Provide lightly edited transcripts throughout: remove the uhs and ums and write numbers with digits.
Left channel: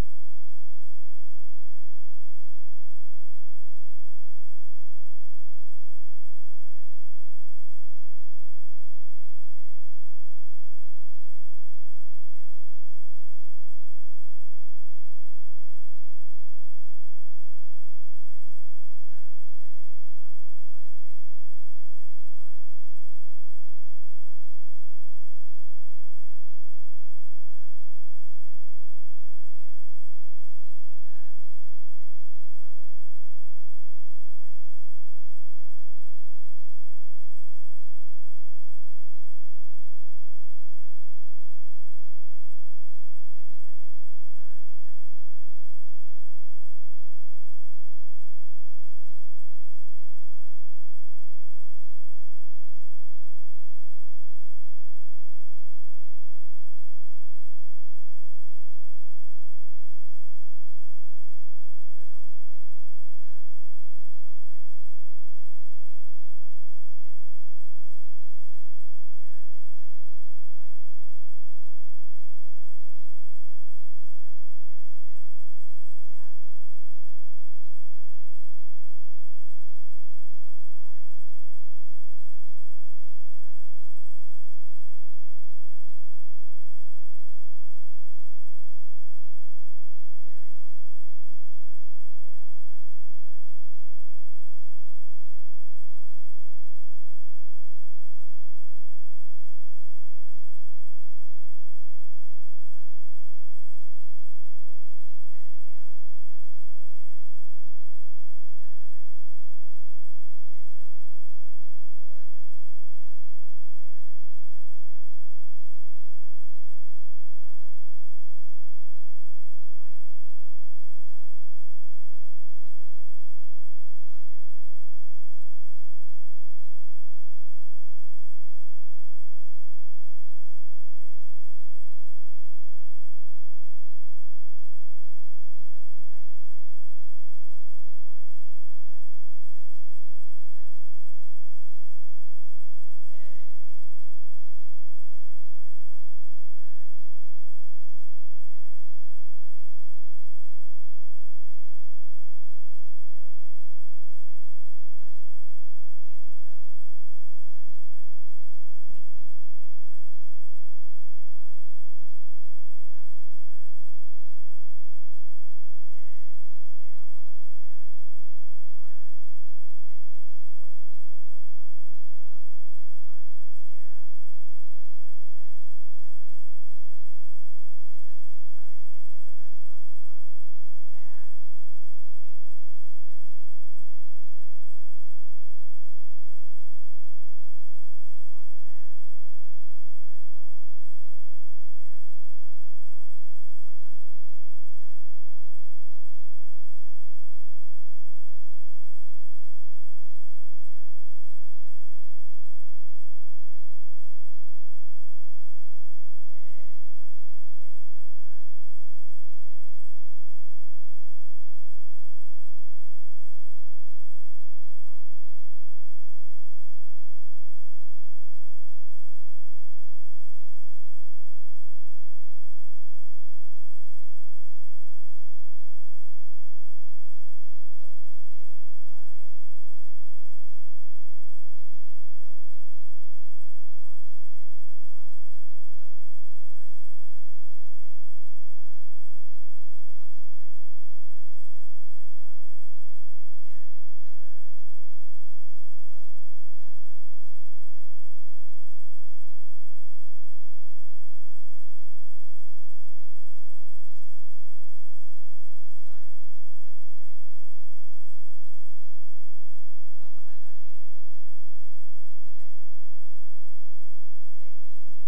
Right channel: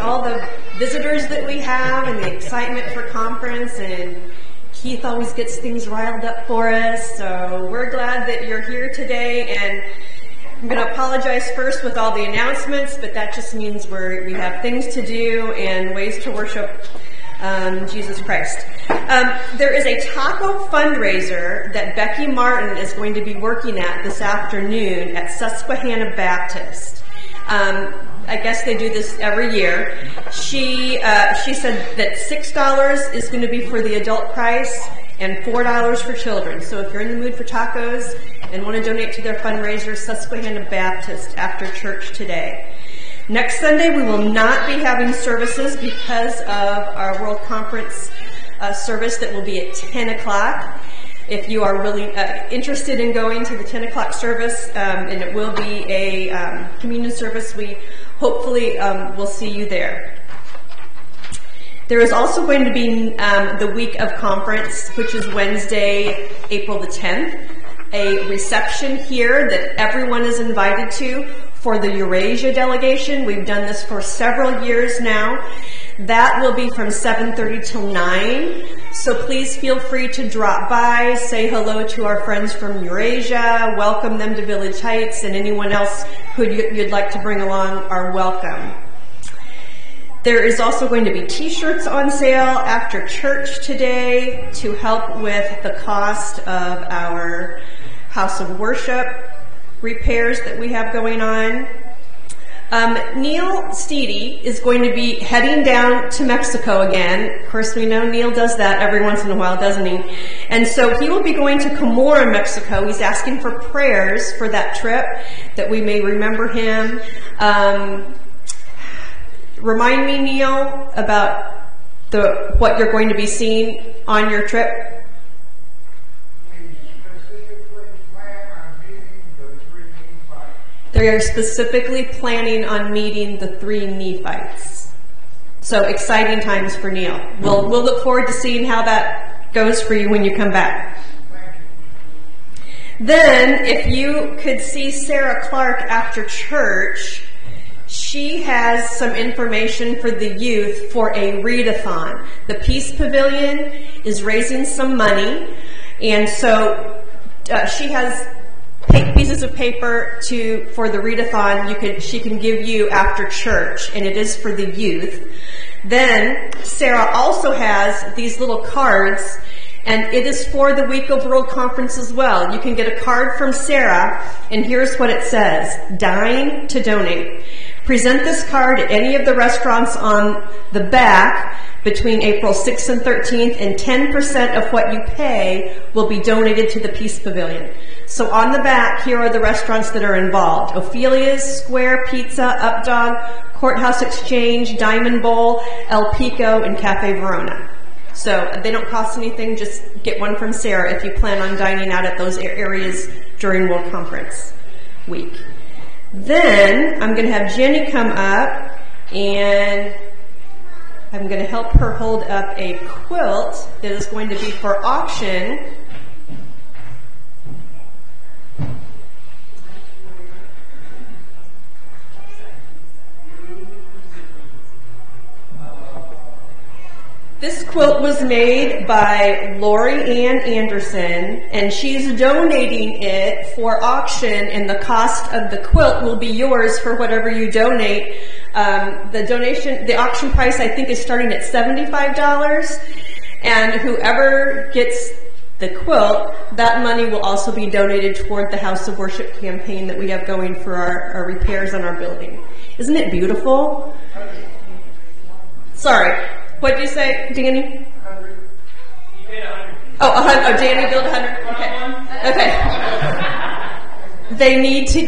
all the visitors that we have and the excitement for conference, and Keith always gets things riled up for us, so we're glad that you're here today. And I'm going to apologize first with all the announcements, but that just means we have things to do and ways to worship Jesus Christ. There is a taco fundraiser that Becky Martin is going to be working at this afternoon at Susquehanna Baptist. I guess they do this every year. She said that $6 is going to be for the adult price and $4 for children. So if you're in the mood for tacos and want to donate to their fundraiser, Susquehanna Baptist after church today. Next Sunday, we will not be having services because of our World Conference service that will be at 10 o'clock. If you are really interested in going to the 10 o'clock service, and it will be a communion service, we hopefully will see you there. There is also going to be the week of conference, which is Wednesday, April the 10th, a reception here that everyone is invited to for the Eurasia delegation. We've done this for several years now. That will be from 7:30 till 9. So please feel free to drop by, say hello to our friends from Eurasia, welcome them to Village Heights, and anyone else who you'd like to bring along are welcome. There is also going to be t-shirts on sale after church today to help with the cost of our house of worship repairs that we have going on. Neil Steedy is going to be heading down to Mexico again. Of course, we know Neil does that every once in a while, doesn't he? And so he will be going to Camora, Mexico. He's asking for prayers for that trip, that we may remember him. Remind me, Neil, about what you're going to be seeing on your trip. They are specifically planning on meeting the 3 Nephites. So exciting times for Neil. We'll look forward to seeing how that goes for you when you come back. Then, if you could see Sarah Clark after church, she has some information for the youth for a readathon. The Peace Pavilion is raising some money, and so she has pieces of paper for the readathon she can give you after church, and it is for the youth. Then Sarah also has these little cards, and it is for the week of World Conference as well. You can get a card from Sarah, and here's what it says: Dine to donate. Present this card at any of the restaurants on the back between April 6th and 13th, and 10% of what you pay will be donated to the Peace Pavilion. So on the back, here are the restaurants that are involved: Ophelia's, Square Pizza, Updog, Courthouse Exchange, Diamond Bowl, El Pico, and Cafe Verona. So they don't cost anything. Just get one from Sarah if you plan on dining out at those areas during World Conference week. Then I'm going to have Jenny come up, and I'm going to help her hold up a quilt that is going to be for auction. This quilt was made by Lori Ann Anderson, and she's donating it for auction, and the cost of the quilt will be yours for whatever you donate. The auction price, I think, is starting at $75, and whoever gets the quilt, that money will also be donated toward the House of Worship campaign that we have going for our repairs on our building. Isn't it beautiful? Sorry. What did you say, Danny? 100. You paid 100. Oh, 100. Oh, Danny billed 100. Okay.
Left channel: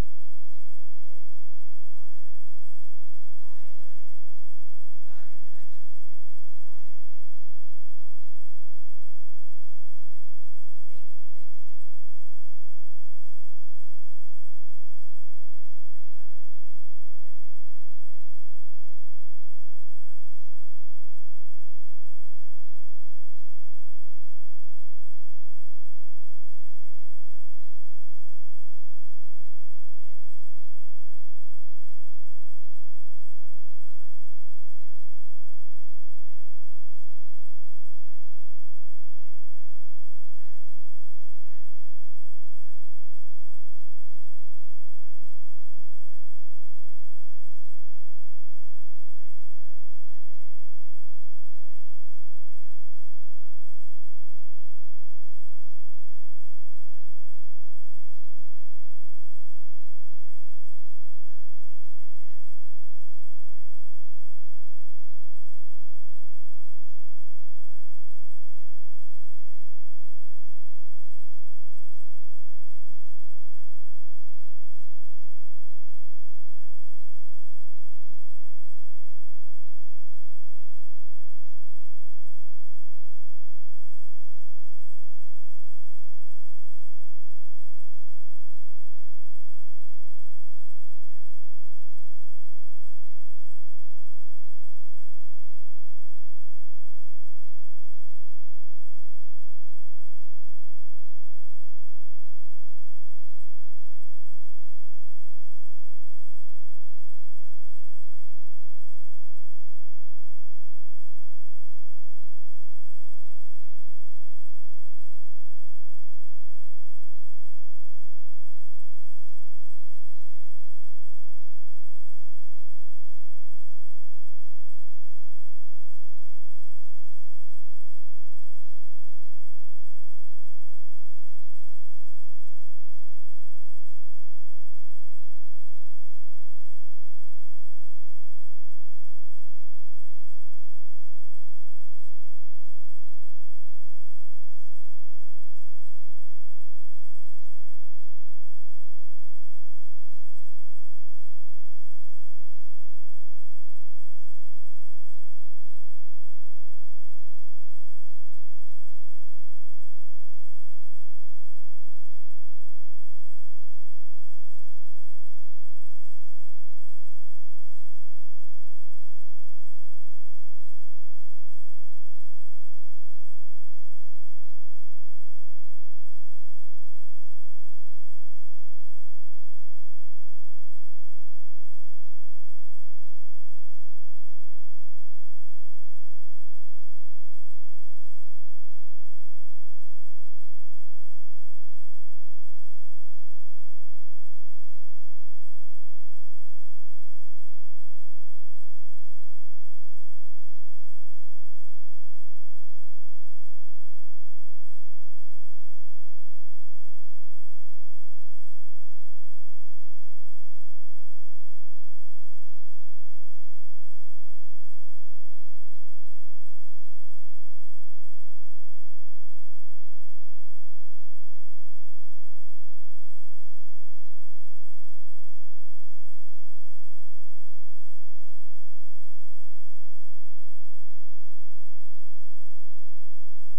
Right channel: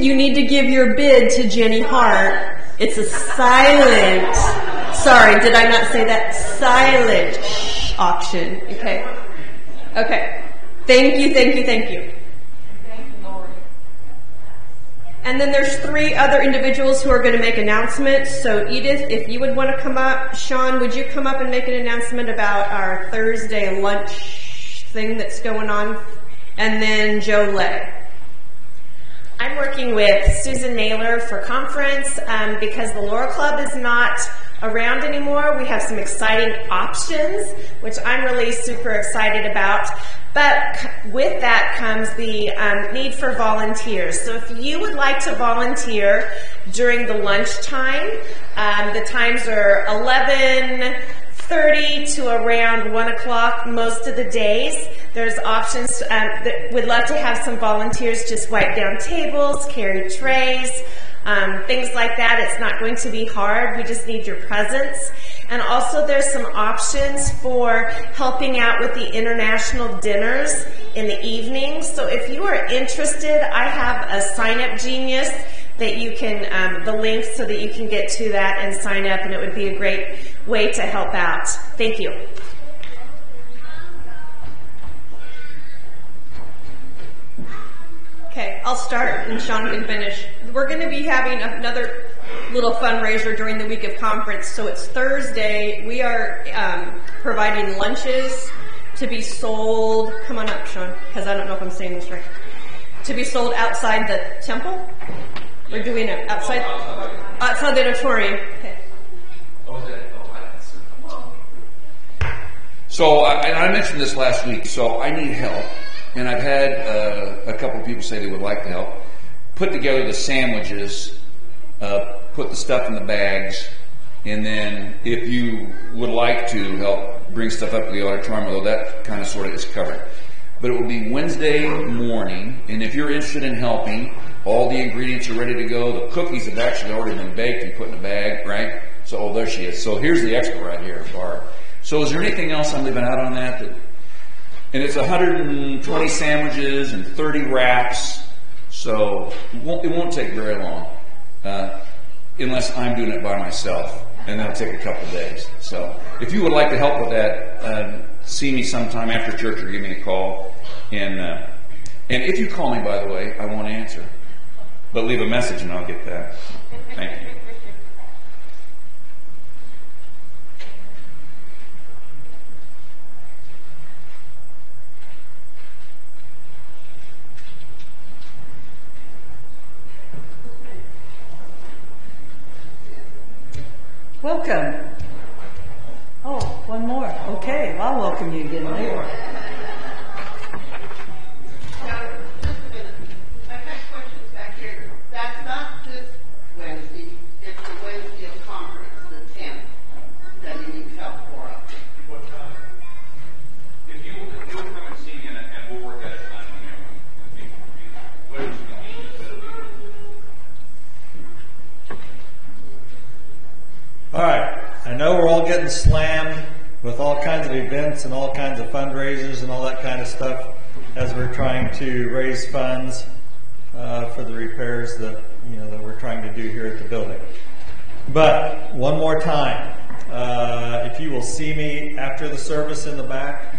You need to give your bid to Jenny Hart. It's a silent. Sorry, did I not say that? Silent auction. Okay. Okay. Thank you. And then there's 3 other individuals who are going to make announcements. So Edith, if you would want to come up. Sean, would you come up and make an announcement about our Thursday lunch thing that's going on? And then Joe Lay. I'm working with Susan Naylor for conference because the Laurel Club is not around anymore. We have some exciting options, which I'm really super excited about. But with that comes the need for volunteers. So if you would like to volunteer during the lunchtime, the times are 11:30 to around 1 o'clock most of the days. There's options. We'd love to have some volunteers just wipe down tables, carry trays, things like that. It's not going to be hard. We just need your presence. And also there's some options for helping out with the international dinners in the evening. So if you are interested, I have a sign-up genius that you can, the link so that you can get to that and sign up, and it would be a great way to help out. Thank you. Okay, I'll start and Sean can finish. We're going to be having another little fundraiser during the week of conference. So it's Thursday. We are providing lunches to be sold. Come on up, Sean, because I don't know if I'm saying this right. To be sold outside the temple? Or do we know? Outside the auditorium. Okay. So I mentioned this last week. So I need help. And I've had a couple of people say they would like to help. Put together the sandwiches, put the stuff in the bags, and then if you would like to help bring stuff up to the auditorium, although that kind of sort of is covered. But it will be Wednesday morning, and if you're interested in helping, all the ingredients are ready to go. The cookies have actually already been baked and put in a bag, right? So, oh, there she is. So here's the expert right here, Barb. So is there anything else I'm leaving out on that? And it's 120 sandwiches and 30 wraps, so it won't take very long, unless I'm doing it by myself, and that'll take a couple of days. So if you would like to help with that, see me sometime after church or give me a call. And if you call me, by the way, I won't answer, but leave a message and I'll get that. Thank you. Welcome. Oh, one more. Okay, I'll welcome you again later. I've got questions back here. That's not this Wednesday, it's the Wednesday of conference, the 10th, that you need help for us. What time? If you will come and see me, and we'll work at a time when everyone can be. All right, I know we're all getting slammed with all kinds of events and all kinds of fundraisers and all that kind of stuff as we're trying to raise funds for the repairs that we're trying to do here at the building. But one more time, if you will see me after the service in the back,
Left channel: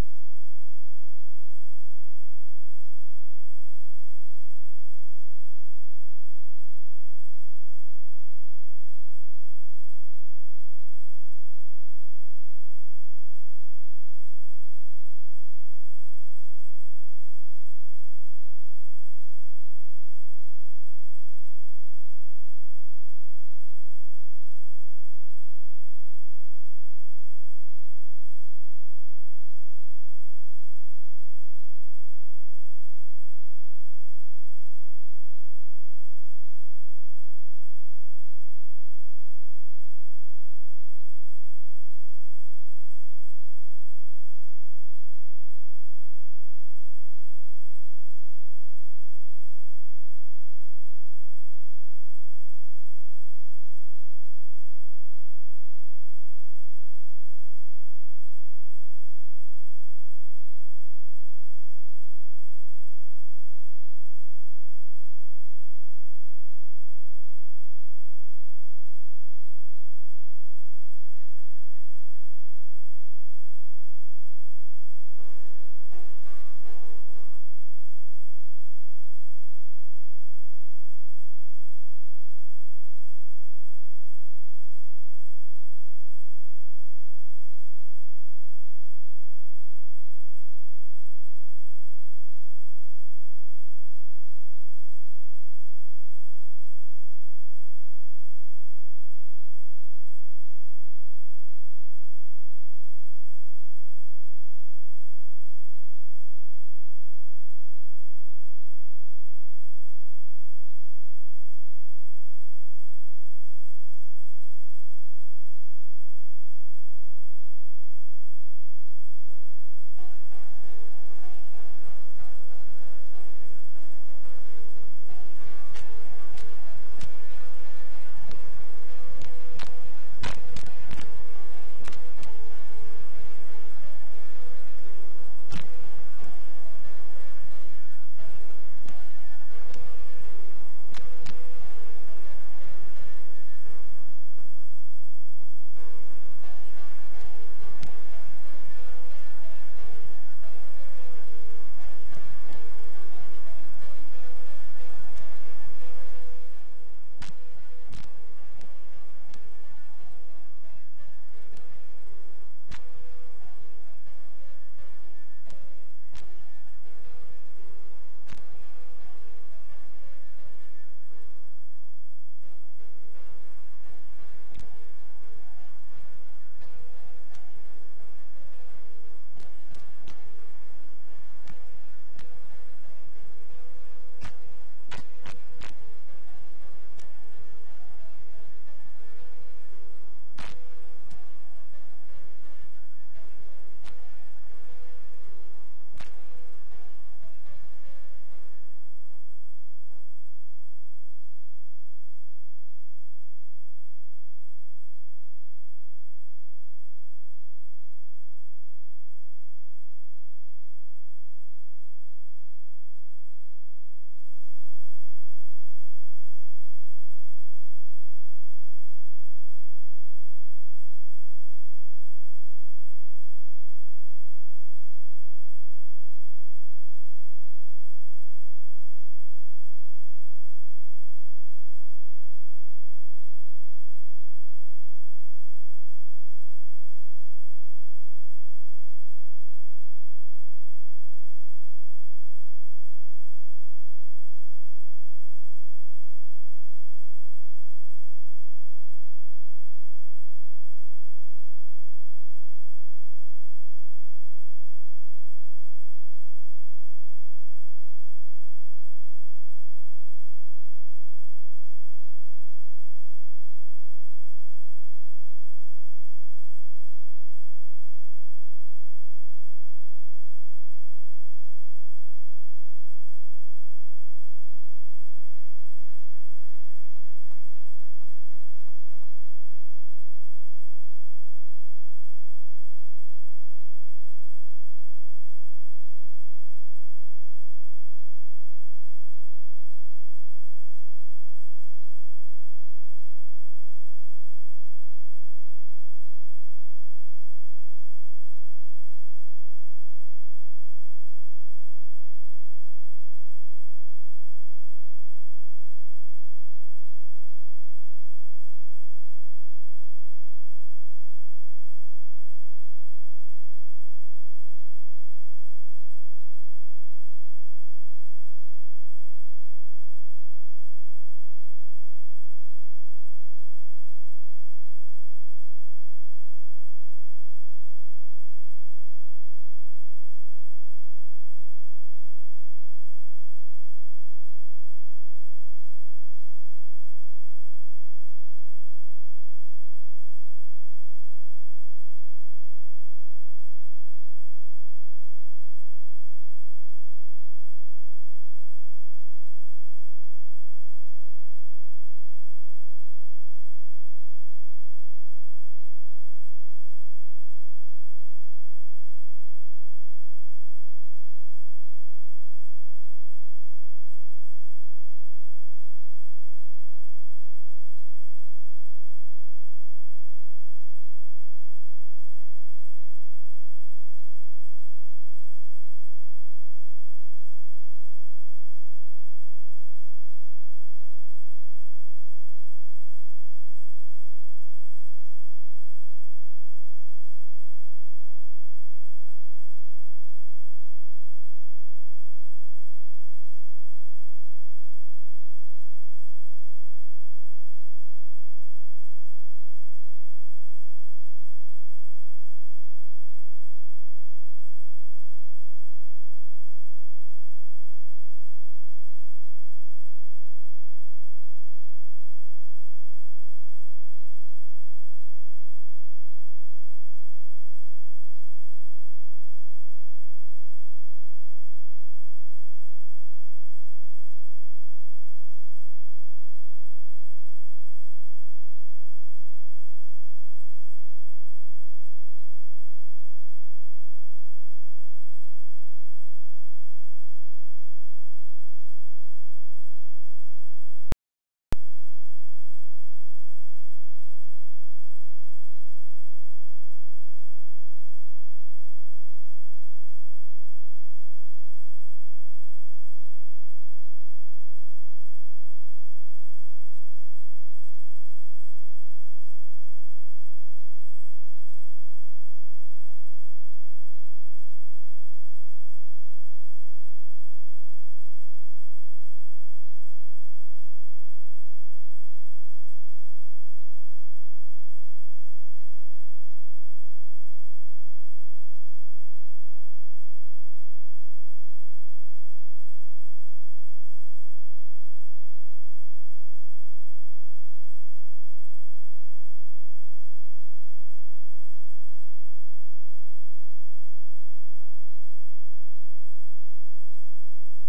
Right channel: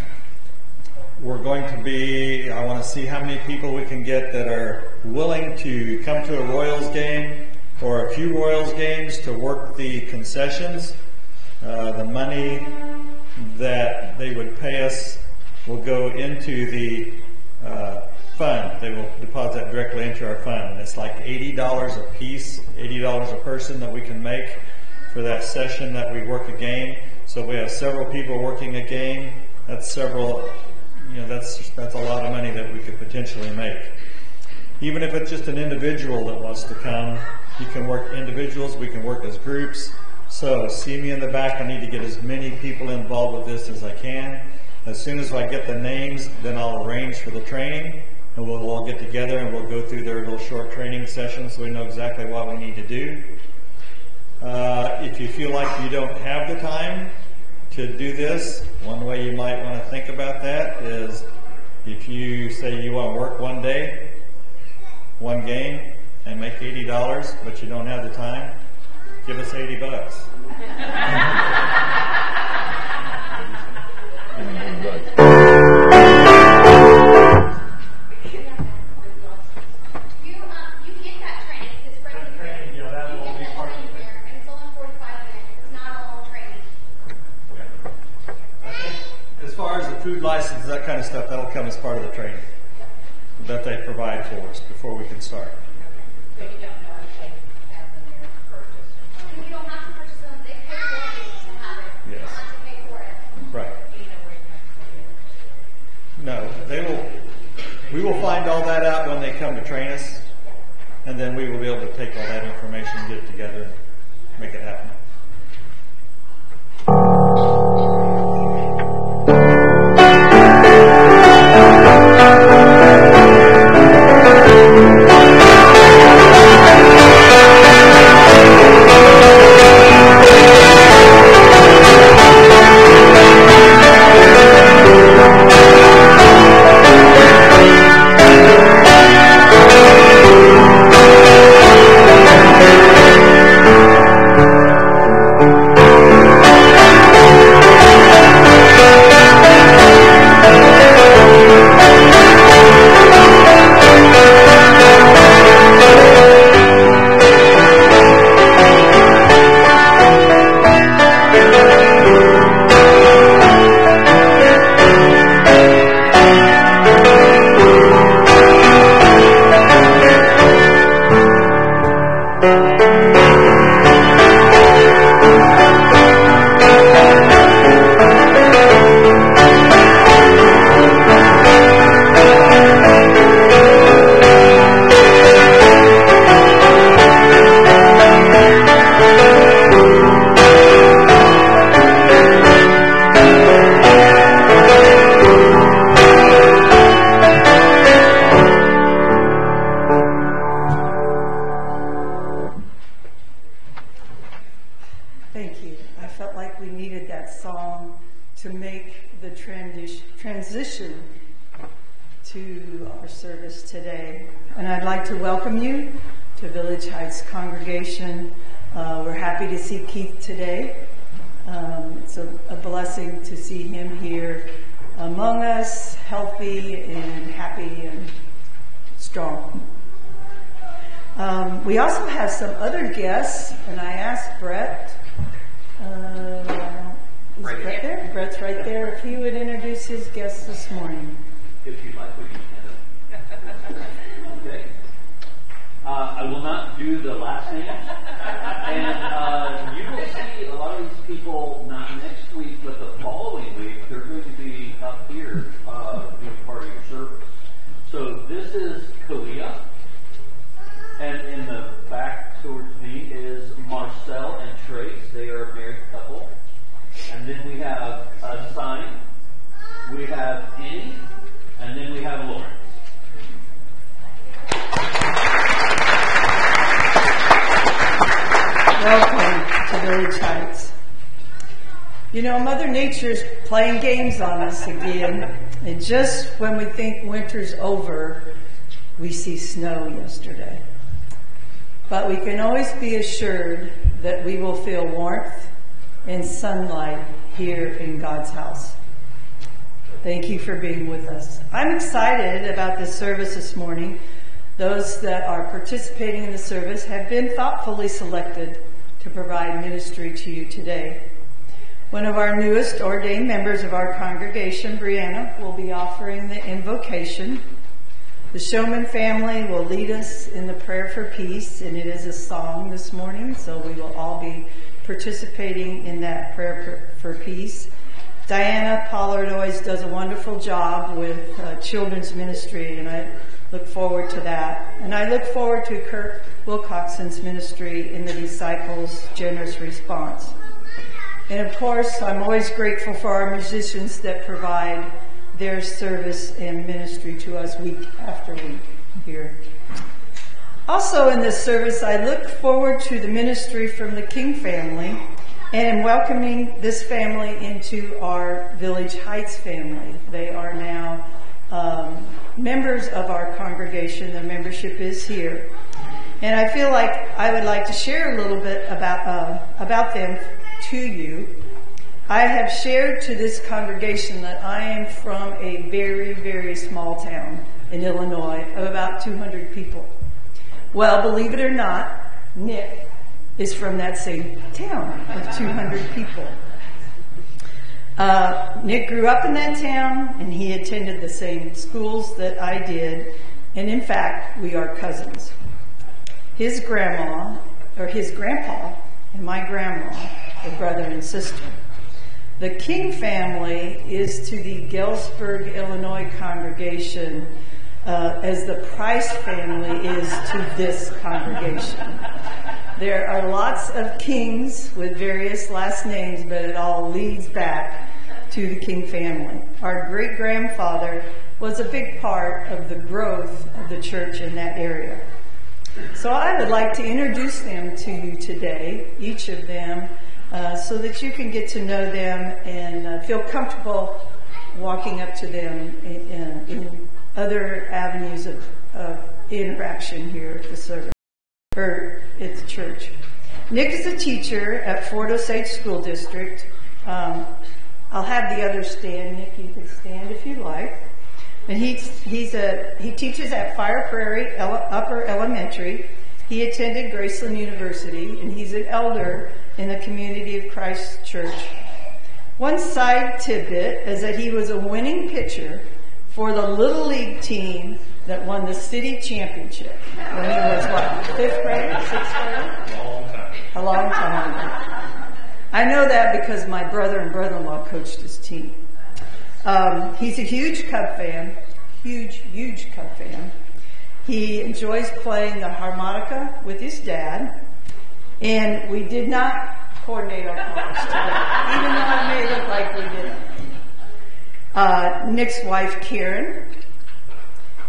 we're going to be, I want to see how many people we can get that are willing to come to a Royals game or a few Royals games to work the concessions. The money that they would pay us will go into the fund. They will deposit that directly into our fund. And it's like $80 a piece, $80 a person that we can make for that session that we work a game. So if we have several people working a game, that's several, that's a lot of money that we could potentially make. Even if it's just an individual that wants to come, you can work individuals, we can work as groups. So see me in the back. I need to get as many people involved with this as I can. As soon as I get the names, then I'll arrange for the training, and we'll all get together and we'll go through their little short training sessions so we know exactly what we need to do. If you feel like you don't have the time to do this, one way you might want to think about that is if you say you want to work one day, one game, and make $80, but you don't have the time, give us $80. As far as the food license, that kind of stuff, that'll come as part of the training that they provide for us before we can start. You don't have to purchase them. They pay for and then we will be able to take all that information and get it together and make it happen. Transition to our service today. And I'd like to welcome you to Village Heights congregation. We're happy to see Keith today. It's a blessing to see him here among us, healthy and happy and strong. We also have some other guests, and I asked Brett, is Brett there? Brett's right there. If he would introduce his guests this morning. If you'd like, we can. Okay. I will not do the last name. And you will see a lot of these people not next week, but the following week. They're going to be up here doing part of your service. So this is Kalia. And in the back towards me is Marcel and Trace. They are a married couple. And then we have Sign, we have Annie, and then we have Lawrence. Welcome to Village Heights. You know, Mother Nature's playing games on us again. And just when we think winter's over, we see snow yesterday. But we can always be assured that we will feel warmth and sunlight here in God's house. Thank you for being with us. I'm excited about this service this morning. Those that are participating in the service have been thoughtfully selected to provide ministry to you today. One of our newest ordained members of our congregation, Brianna, will be offering the invocation. The Showman family will lead us in the prayer for peace, and it is a song this morning, so we will all be participating in that prayer for peace. Diana Pollard always does a wonderful job with children's ministry, and I look forward to that. And I look forward to Kurt Wilcoxon's ministry in the Disciples' Generous Response. And of course, I'm always grateful for our musicians that provide their service and ministry to us week after week here. Also in this service, I look forward to the ministry from the King family and am welcoming this family into our Village Heights family. They are now members of our congregation. Their membership is here. And I feel like I would like to share a little bit about them to you. I have shared to this congregation that I am from a very, very small town in Illinois of about 200 people. Well, believe it or not, Nick is from that same town of 200 people. Nick grew up in that town, and he attended the same schools that I did, and in fact, we are cousins. His grandpa, and my grandma are brother and sister. The King family is to the Galesburg, Illinois congregation as the Price family is to this congregation. There are lots of Kings with various last names, but it all leads back to the King family. Our great-grandfather was a big part of the growth of the church in that area. So I would like to introduce them to you today, each of them, so that you can get to know them and feel comfortable walking up to them in other avenues of interaction here at the service, or at the church. Nick is a teacher at Fort Osage School District. I'll have the others stand. Nick, you can stand if you like. And he teaches at Fire Prairie Upper Elementary. He attended Graceland University, and he's an elder in the Community of Christ Church. One side tidbit is that he was a winning pitcher for the Little League team that won the city championship when he was, what, 5th grade, 6th grade? A long time ago. I know that because my brother and brother-in-law coached his team. He's a huge Cub fan, huge Cub fan. He enjoys playing the harmonica with his dad, and we did not coordinate our colors today, even though it may look like we did. Nick's wife, Karen,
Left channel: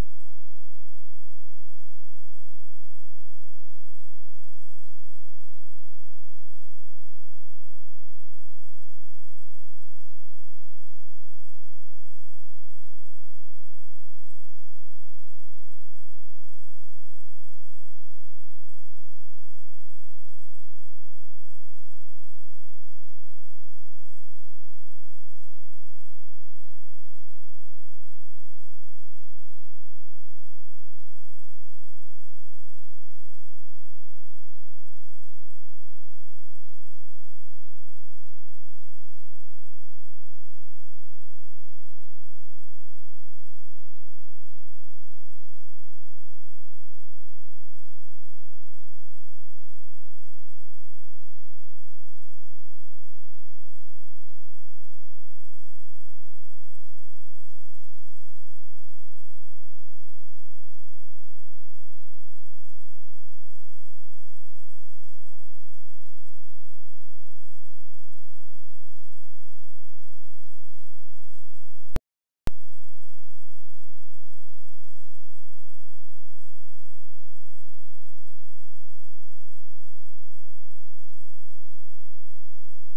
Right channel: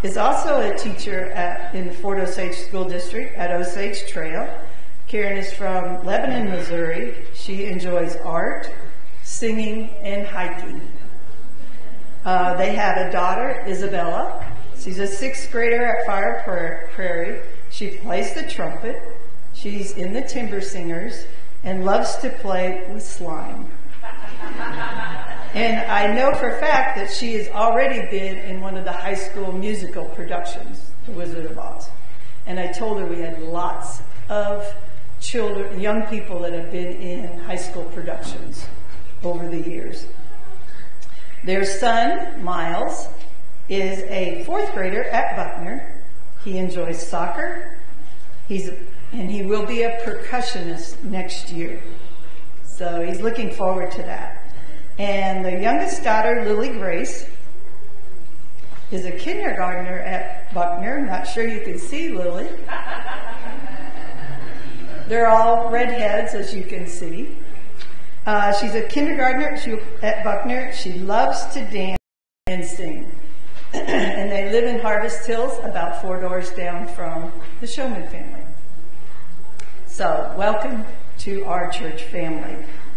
is also a teacher in the Fort Osage School District at Osage Trail. Karen is from Lebanon, Missouri. She enjoys art, singing, and hiking. They have a daughter, Isabella. She's a 6th grader at Fire Prairie. She plays the trumpet. She's in the Timber Singers and loves to play with slime. And I know for a fact that she has already been in one of the high school musical productions, The Wizard of Oz. And I told her we had lots of children, young people that have been in high school productions over the years. Their son, Miles, is a 4th grader at Buckner. He enjoys soccer. And he will be a percussionist next year. So he's looking forward to that. And the youngest daughter, Lily Grace, is a kindergartner at Buckner. Not sure you can see Lily. They're all redheads, as you can see. She's a kindergartner at Buckner. She loves to dance and sing. And they live in Harvest Hills, about 4 doors down from the Showman family. So, welcome to our church family.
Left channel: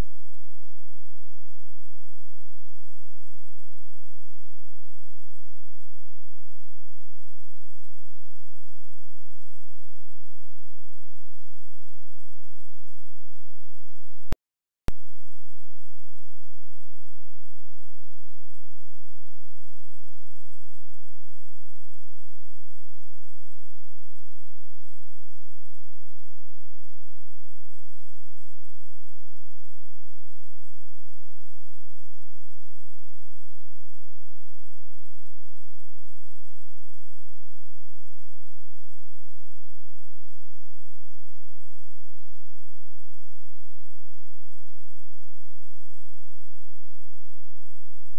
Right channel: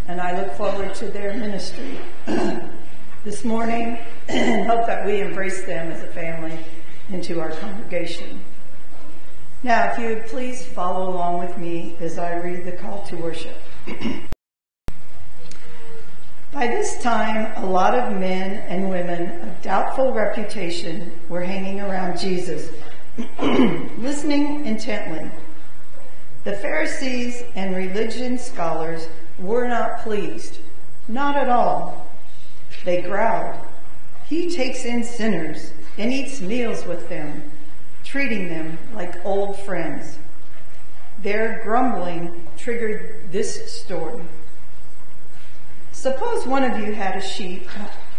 And I look forward to their ministry this morning and hope that we embrace them as a family into our congregation. Now, if you would please follow along with me as I read the call to worship. By this time, a lot of men and women of doubtful reputation were hanging around Jesus, listening intently. The Pharisees and religion scholars were not pleased, not at all. They growled, "He takes in sinners and eats meals with them, treating them like old friends." Their grumbling triggered this story. Suppose one of you had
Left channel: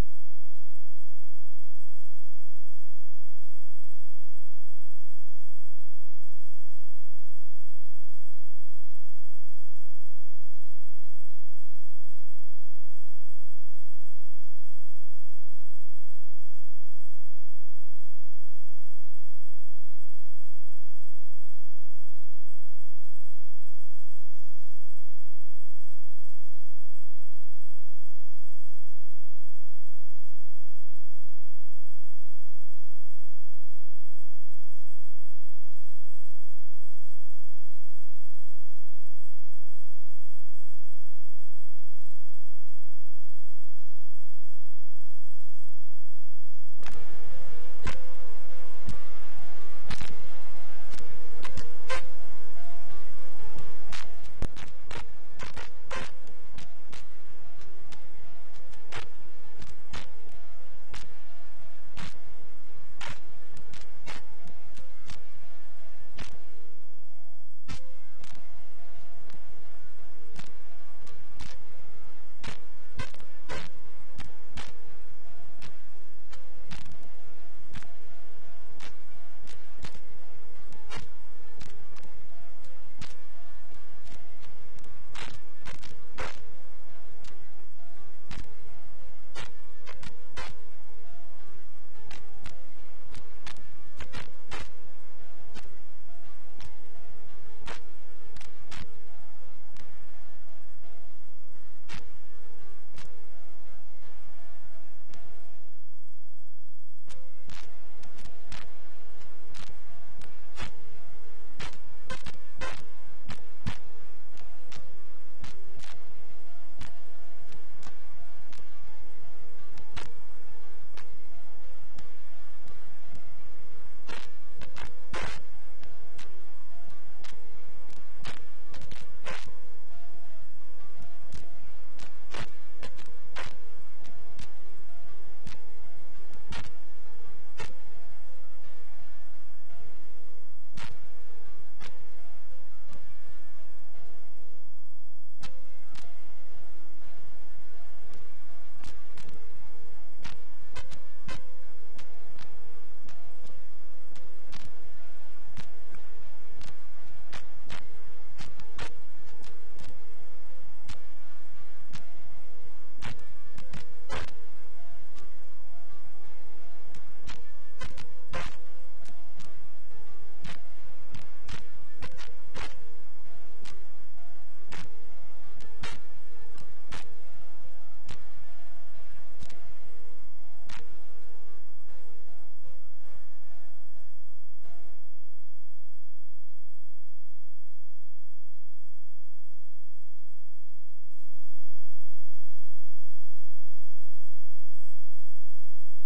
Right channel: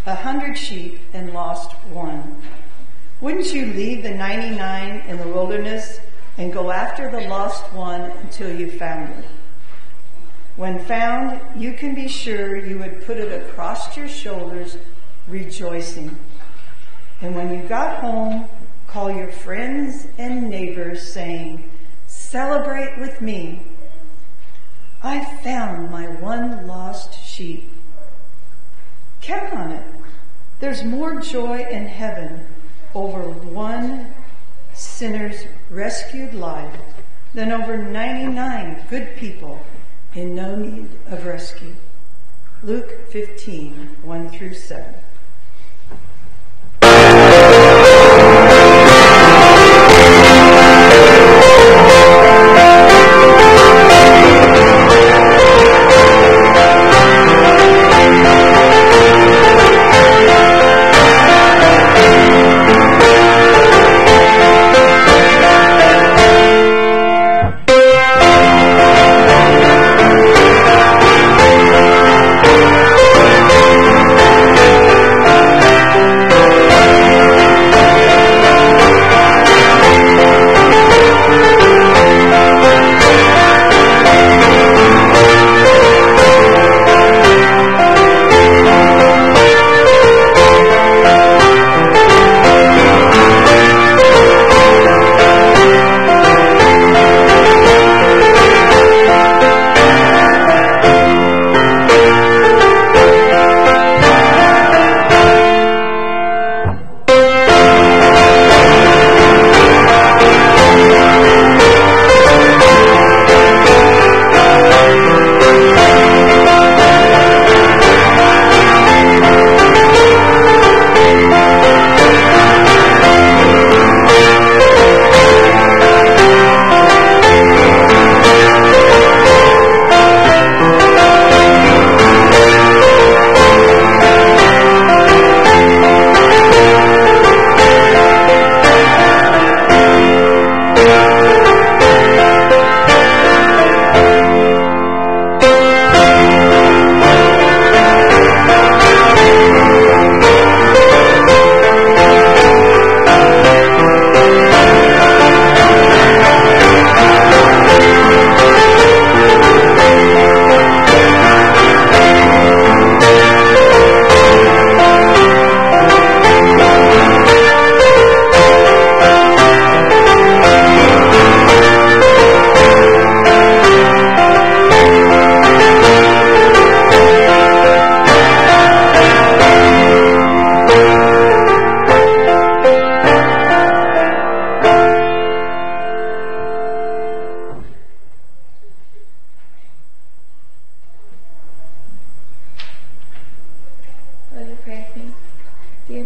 100 sheep and lost one. Wouldn't you leave the 99 in the wilderness and go after the lost one until you found it? When found, you can be sure you would put it across your shoulders, rejoicing. And when you got home, call your friends and neighbors, saying, "Celebrate with me. I found my one lost sheep." Count on it. There's more joy in heaven over one sinner's rescued life than over 99 good people in no need of rescue. Luke 15, 1 through 7.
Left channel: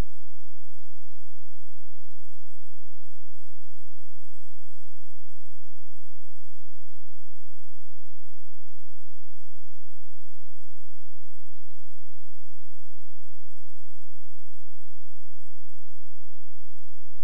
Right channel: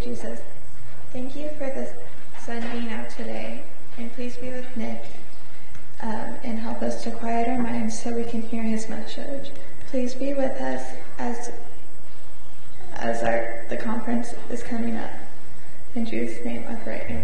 Jesus, thank you for the sun being out today, and please be with Nick and help us to quiet our minds so we can hear his message. Please be with us as the conference is coming up. In Jesus' name I pray,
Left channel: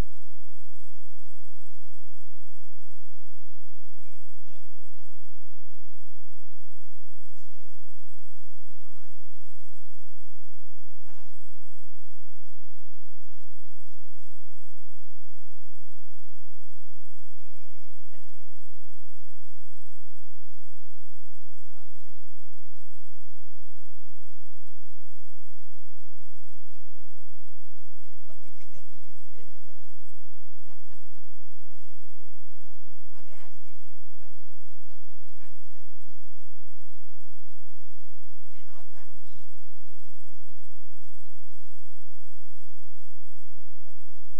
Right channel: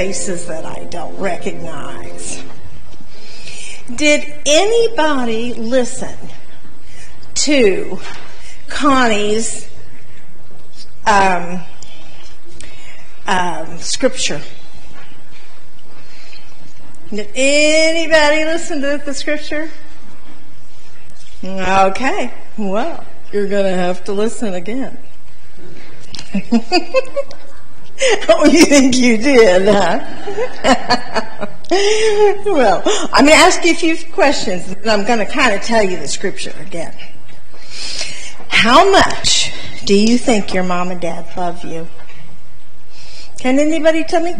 faces that I don't recognize. Did anybody listen to Connie's scripture? Did anybody listen to the scripture? Okay, well, you're going to have to listen again. Oh, you think you did, huh? Well, I'm going to ask you a few questions, and I'm going to kind of tell you the scripture again. How much do you think your mom and dad love you? Can anybody tell me?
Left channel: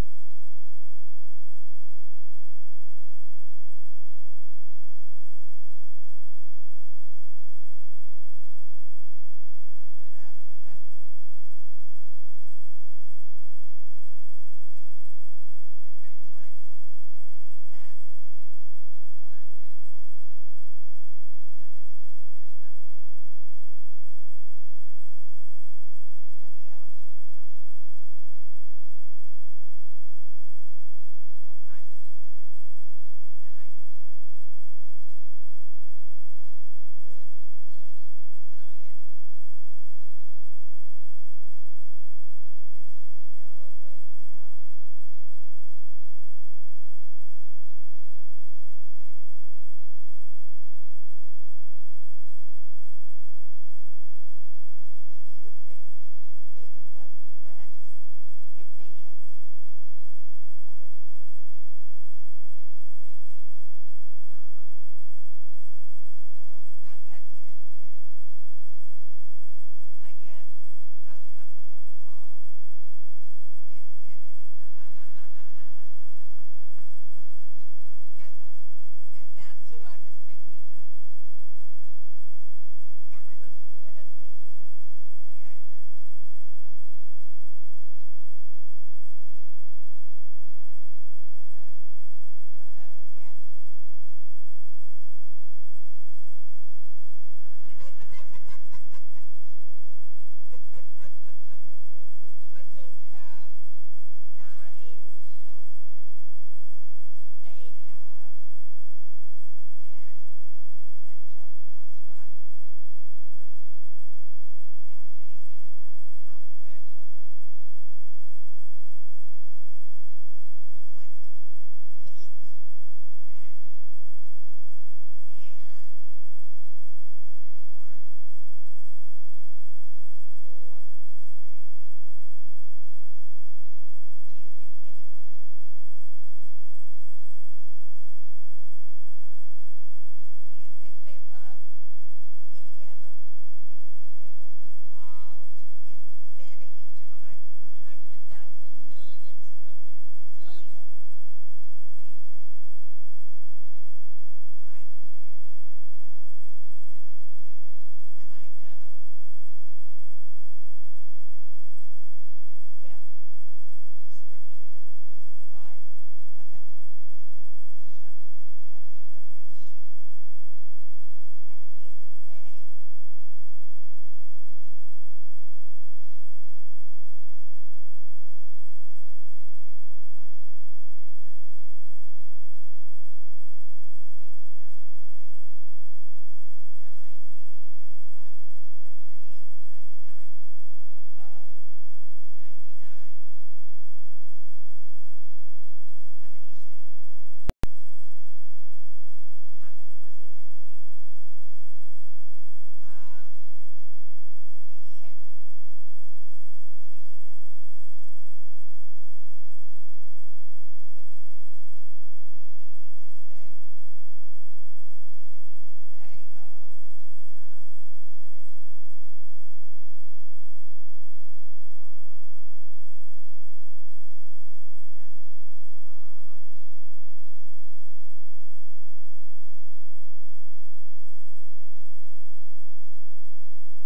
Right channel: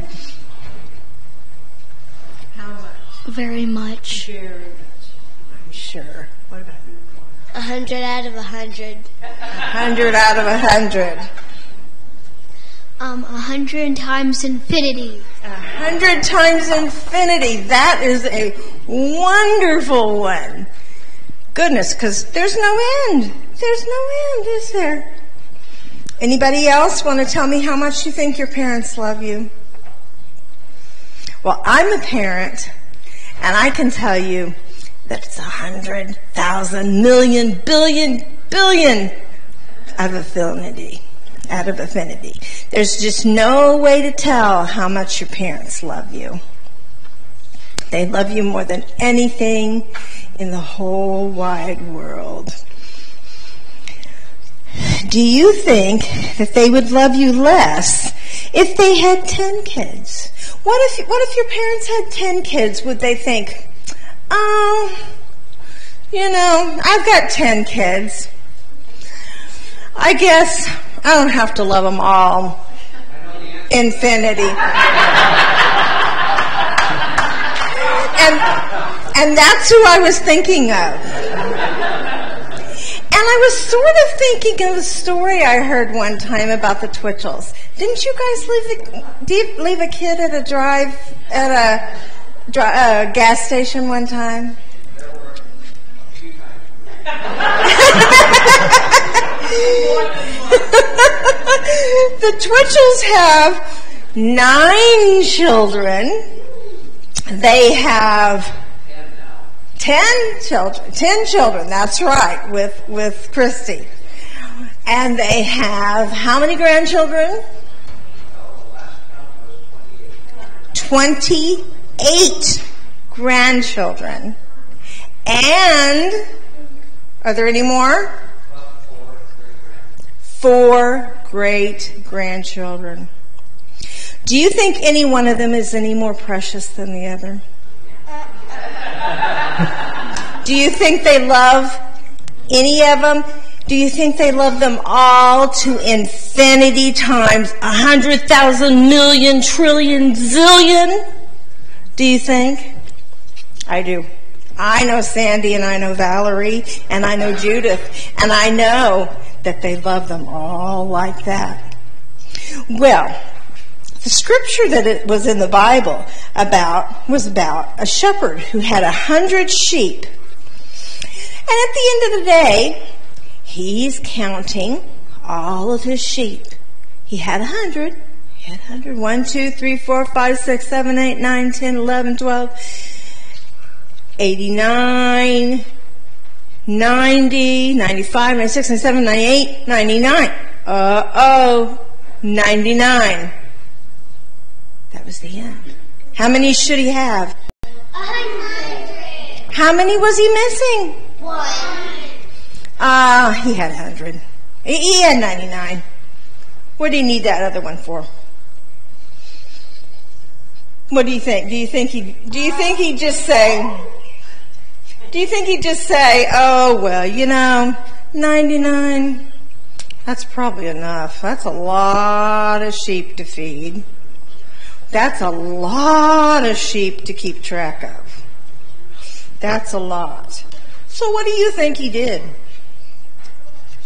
How much? Very much. Very much. I'm sure. What about you? 100 out of 100. 100 out of 100. 100 times infinity. 100 times infinity. That is a wonderful one. Goodness, because there's no end. There's no end, is there? Anybody else want to tell me how much you think your parents love you? Well, I'm a parent, and I can tell you that it's 100,000 million billion billion out of affinity. Out of affinity. There's just no way to tell how much your parents love you. They love you more than anything in the whole wide world. Do you think that they would love you less if they had 10 kids? What if your parents had 10 kids? Would they think, oh, I've got 10 kids. I guess I don't have to love them all. Infinity. And that's who I was thinking of. And I was sort of thinking of a story I heard one time about the Twitchells. Didn't you guys leave a kid at a gas station one time? The Twitchells have 9 children. They have 10 children, that's right, with Christy. And they have how many grandchildren? 28 grandchildren. And, are there any more? 4 great-grandchildren. Do you think any one of them is any more precious than the other? Do you think they love any of them? Do you think they love them all to infinity times 100,000 million trillion zillion? Do you think? I do. I know Sandy, and I know Valerie, and I know Judith, and I know that they love them all like that. Well, the scripture that it was in the Bible was about a shepherd who had 100 sheep. And at the end of the day, he's counting all of his sheep. He had 100. He had 100. 1, 2, 3, 4, 5, 6, 7, 8, 9, 10, 11, 12, 89, 90, 95, 96, 97, 98, 99. 99. That was the end. How many should he have? 100. How many was he missing? 1. He had 100. He had 99. What do you need that other one for? What do you think? Do you think he'd just say, oh, well, 99, that's probably enough. That's a lot of sheep to feed. That's a lot of sheep to keep track of. That's a lot. So what do you think he did?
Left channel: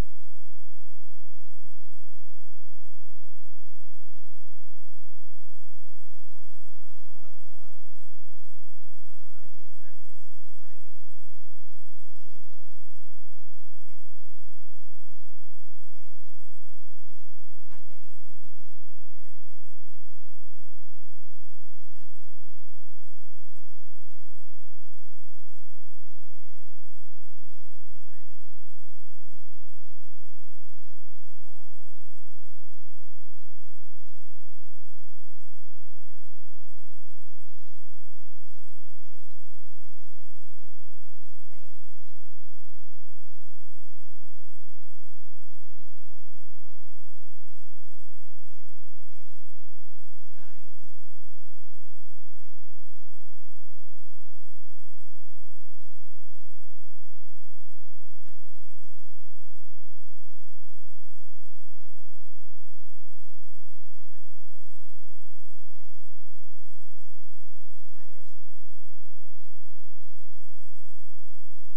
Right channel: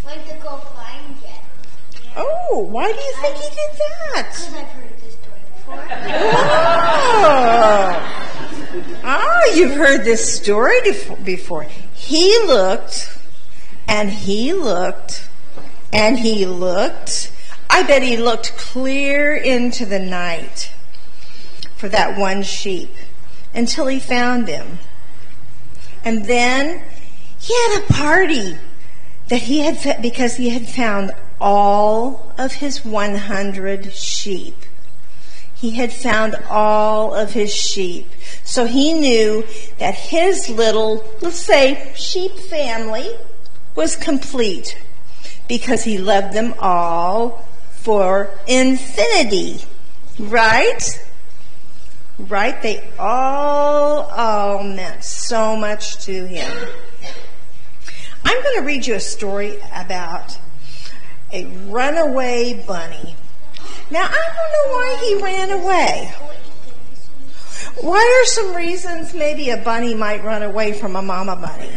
Went to go find it. Oh, why do you think he did that? Because I've heard this story before. Oh, you've heard this story before. He looked, and he looked, and he looked. I bet he looked clear into the night for that one sheep until he found him. And then he had a party that because he had found all of his 100 sheep. He had found all of his sheep. So he knew that his little, let's say, sheep family was complete because he loved them all for infinity. Right? Right? They all meant so much to him. I'm going to read you a story about a runaway bunny. Now, I don't know why he ran away. What are some reasons maybe a bunny might run away from a mama bunny?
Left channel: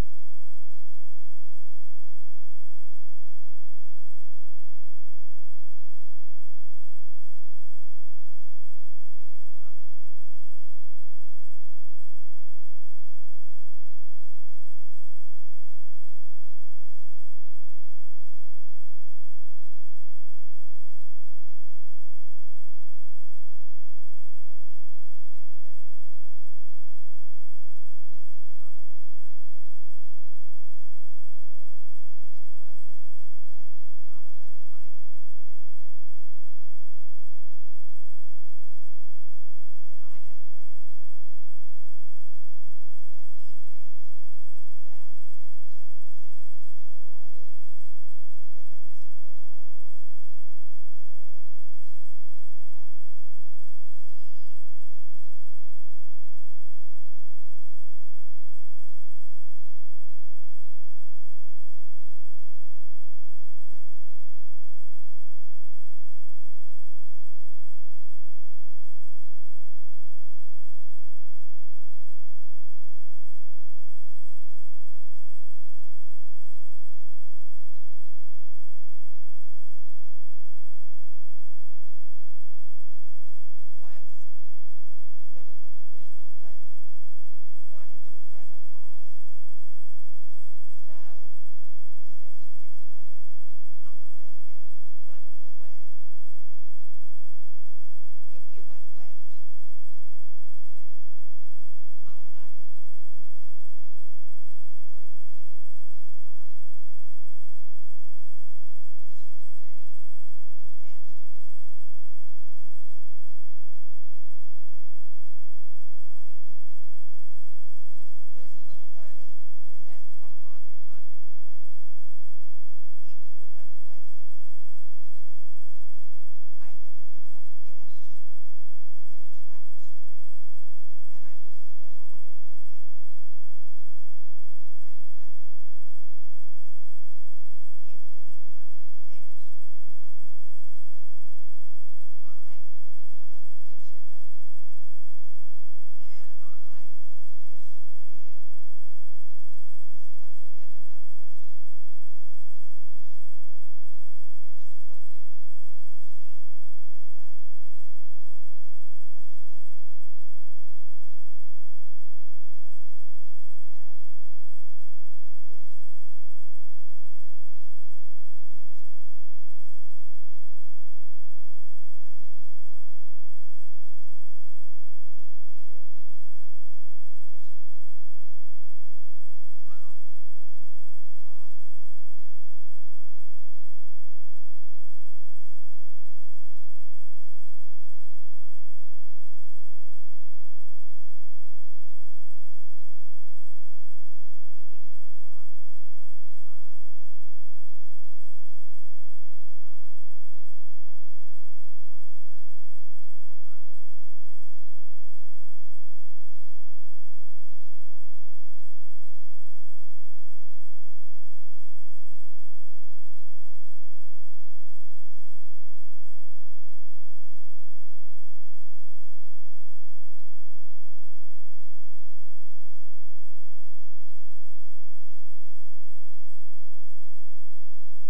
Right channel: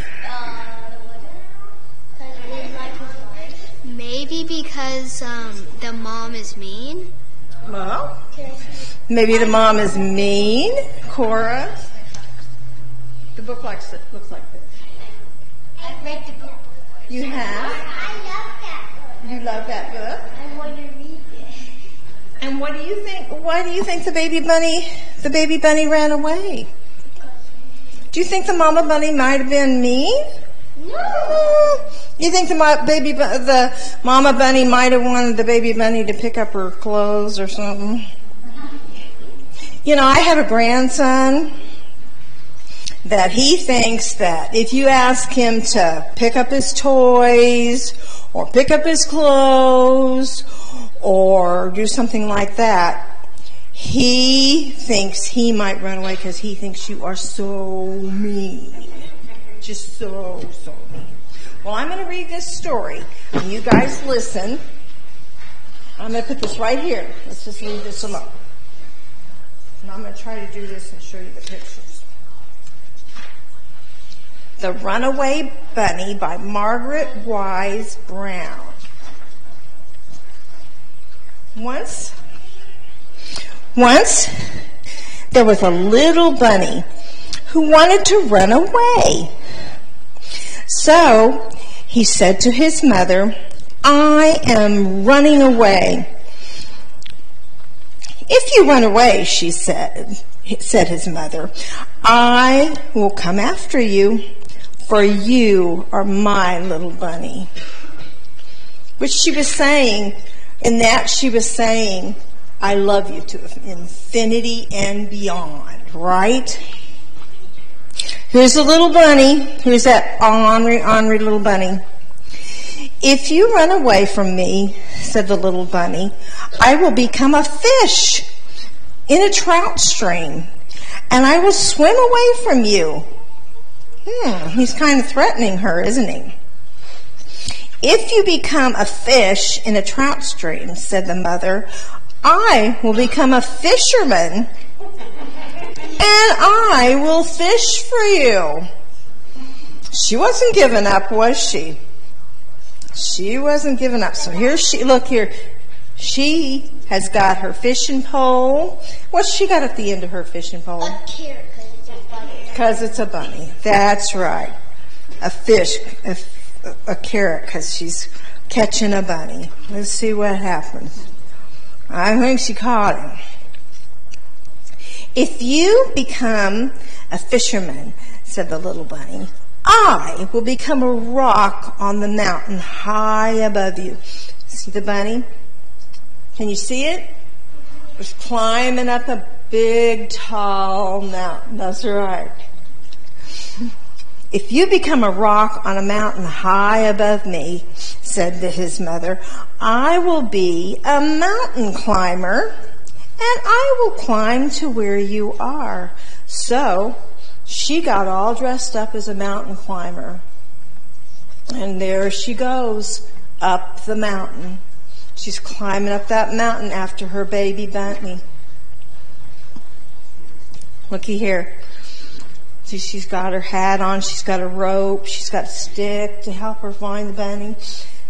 Maybe because the mom is mean. Well, maybe the mom is mean. Cora? The book looks like this. I read the book. You have? I love that book. You love that book? I want to read it. And what do you think? Why do you think the baby bunny ran away? Do you think the mama bunny might have been mean? No. You think the mama bunny might have wanted the baby bunny to pick up her clothes or something? You know, I have a grandson that he thinks that if you ask him to pick up his toys or pick up his clothes or do something like that, he thinks he might run away because he thinks you are so mean. Just so mean. Well, I'm going to read this story, and you guys listen. I'm going to put this right here. Let's just leave this alone. And I'm going to try to do this and show you the pictures. The Runaway Bunny by Margaret Wise Brown. Once, there was a little bunny who wanted to run away. So he said to his mother, "I am running away." "If you run away," said his mother, "I will come after you, for you are my little bunny." Which she was saying, I love you to infinity and beyond, right? Here's a little bunny. Here's that ornery little bunny. "If you run away from me," said the little bunny, "I will become a fish in a trout stream, and I will swim away from you." He's kind of threatening her, isn't he? "If you become a fish in a trout stream," said the mother, "I will become a fisherman, and I will fish for you." She wasn't giving up, was she? She wasn't giving up. So look here. She has got her fishing pole. What's she got at the end of her fishing pole? A carrot, Because it's a bunny. That's right. A fish, a carrot, because she's catching a bunny. Let's see what happens. I think she caught him. "If you become a fisherman," said the little bunny, "I will become a rock on the mountain high above you." See the bunny? Can you see it? It's climbing up a big, tall mountain. That's right. "If you become a rock on a mountain high above me," said his mother, "I will be a mountain climber, and I will climb to where you are." So she got all dressed up as a mountain climber. And there she goes, up the mountain. She's climbing up that mountain after her baby bunny. Looky here. See, she's got her hat on. She's got a rope. She's got a stick to help her find the bunny.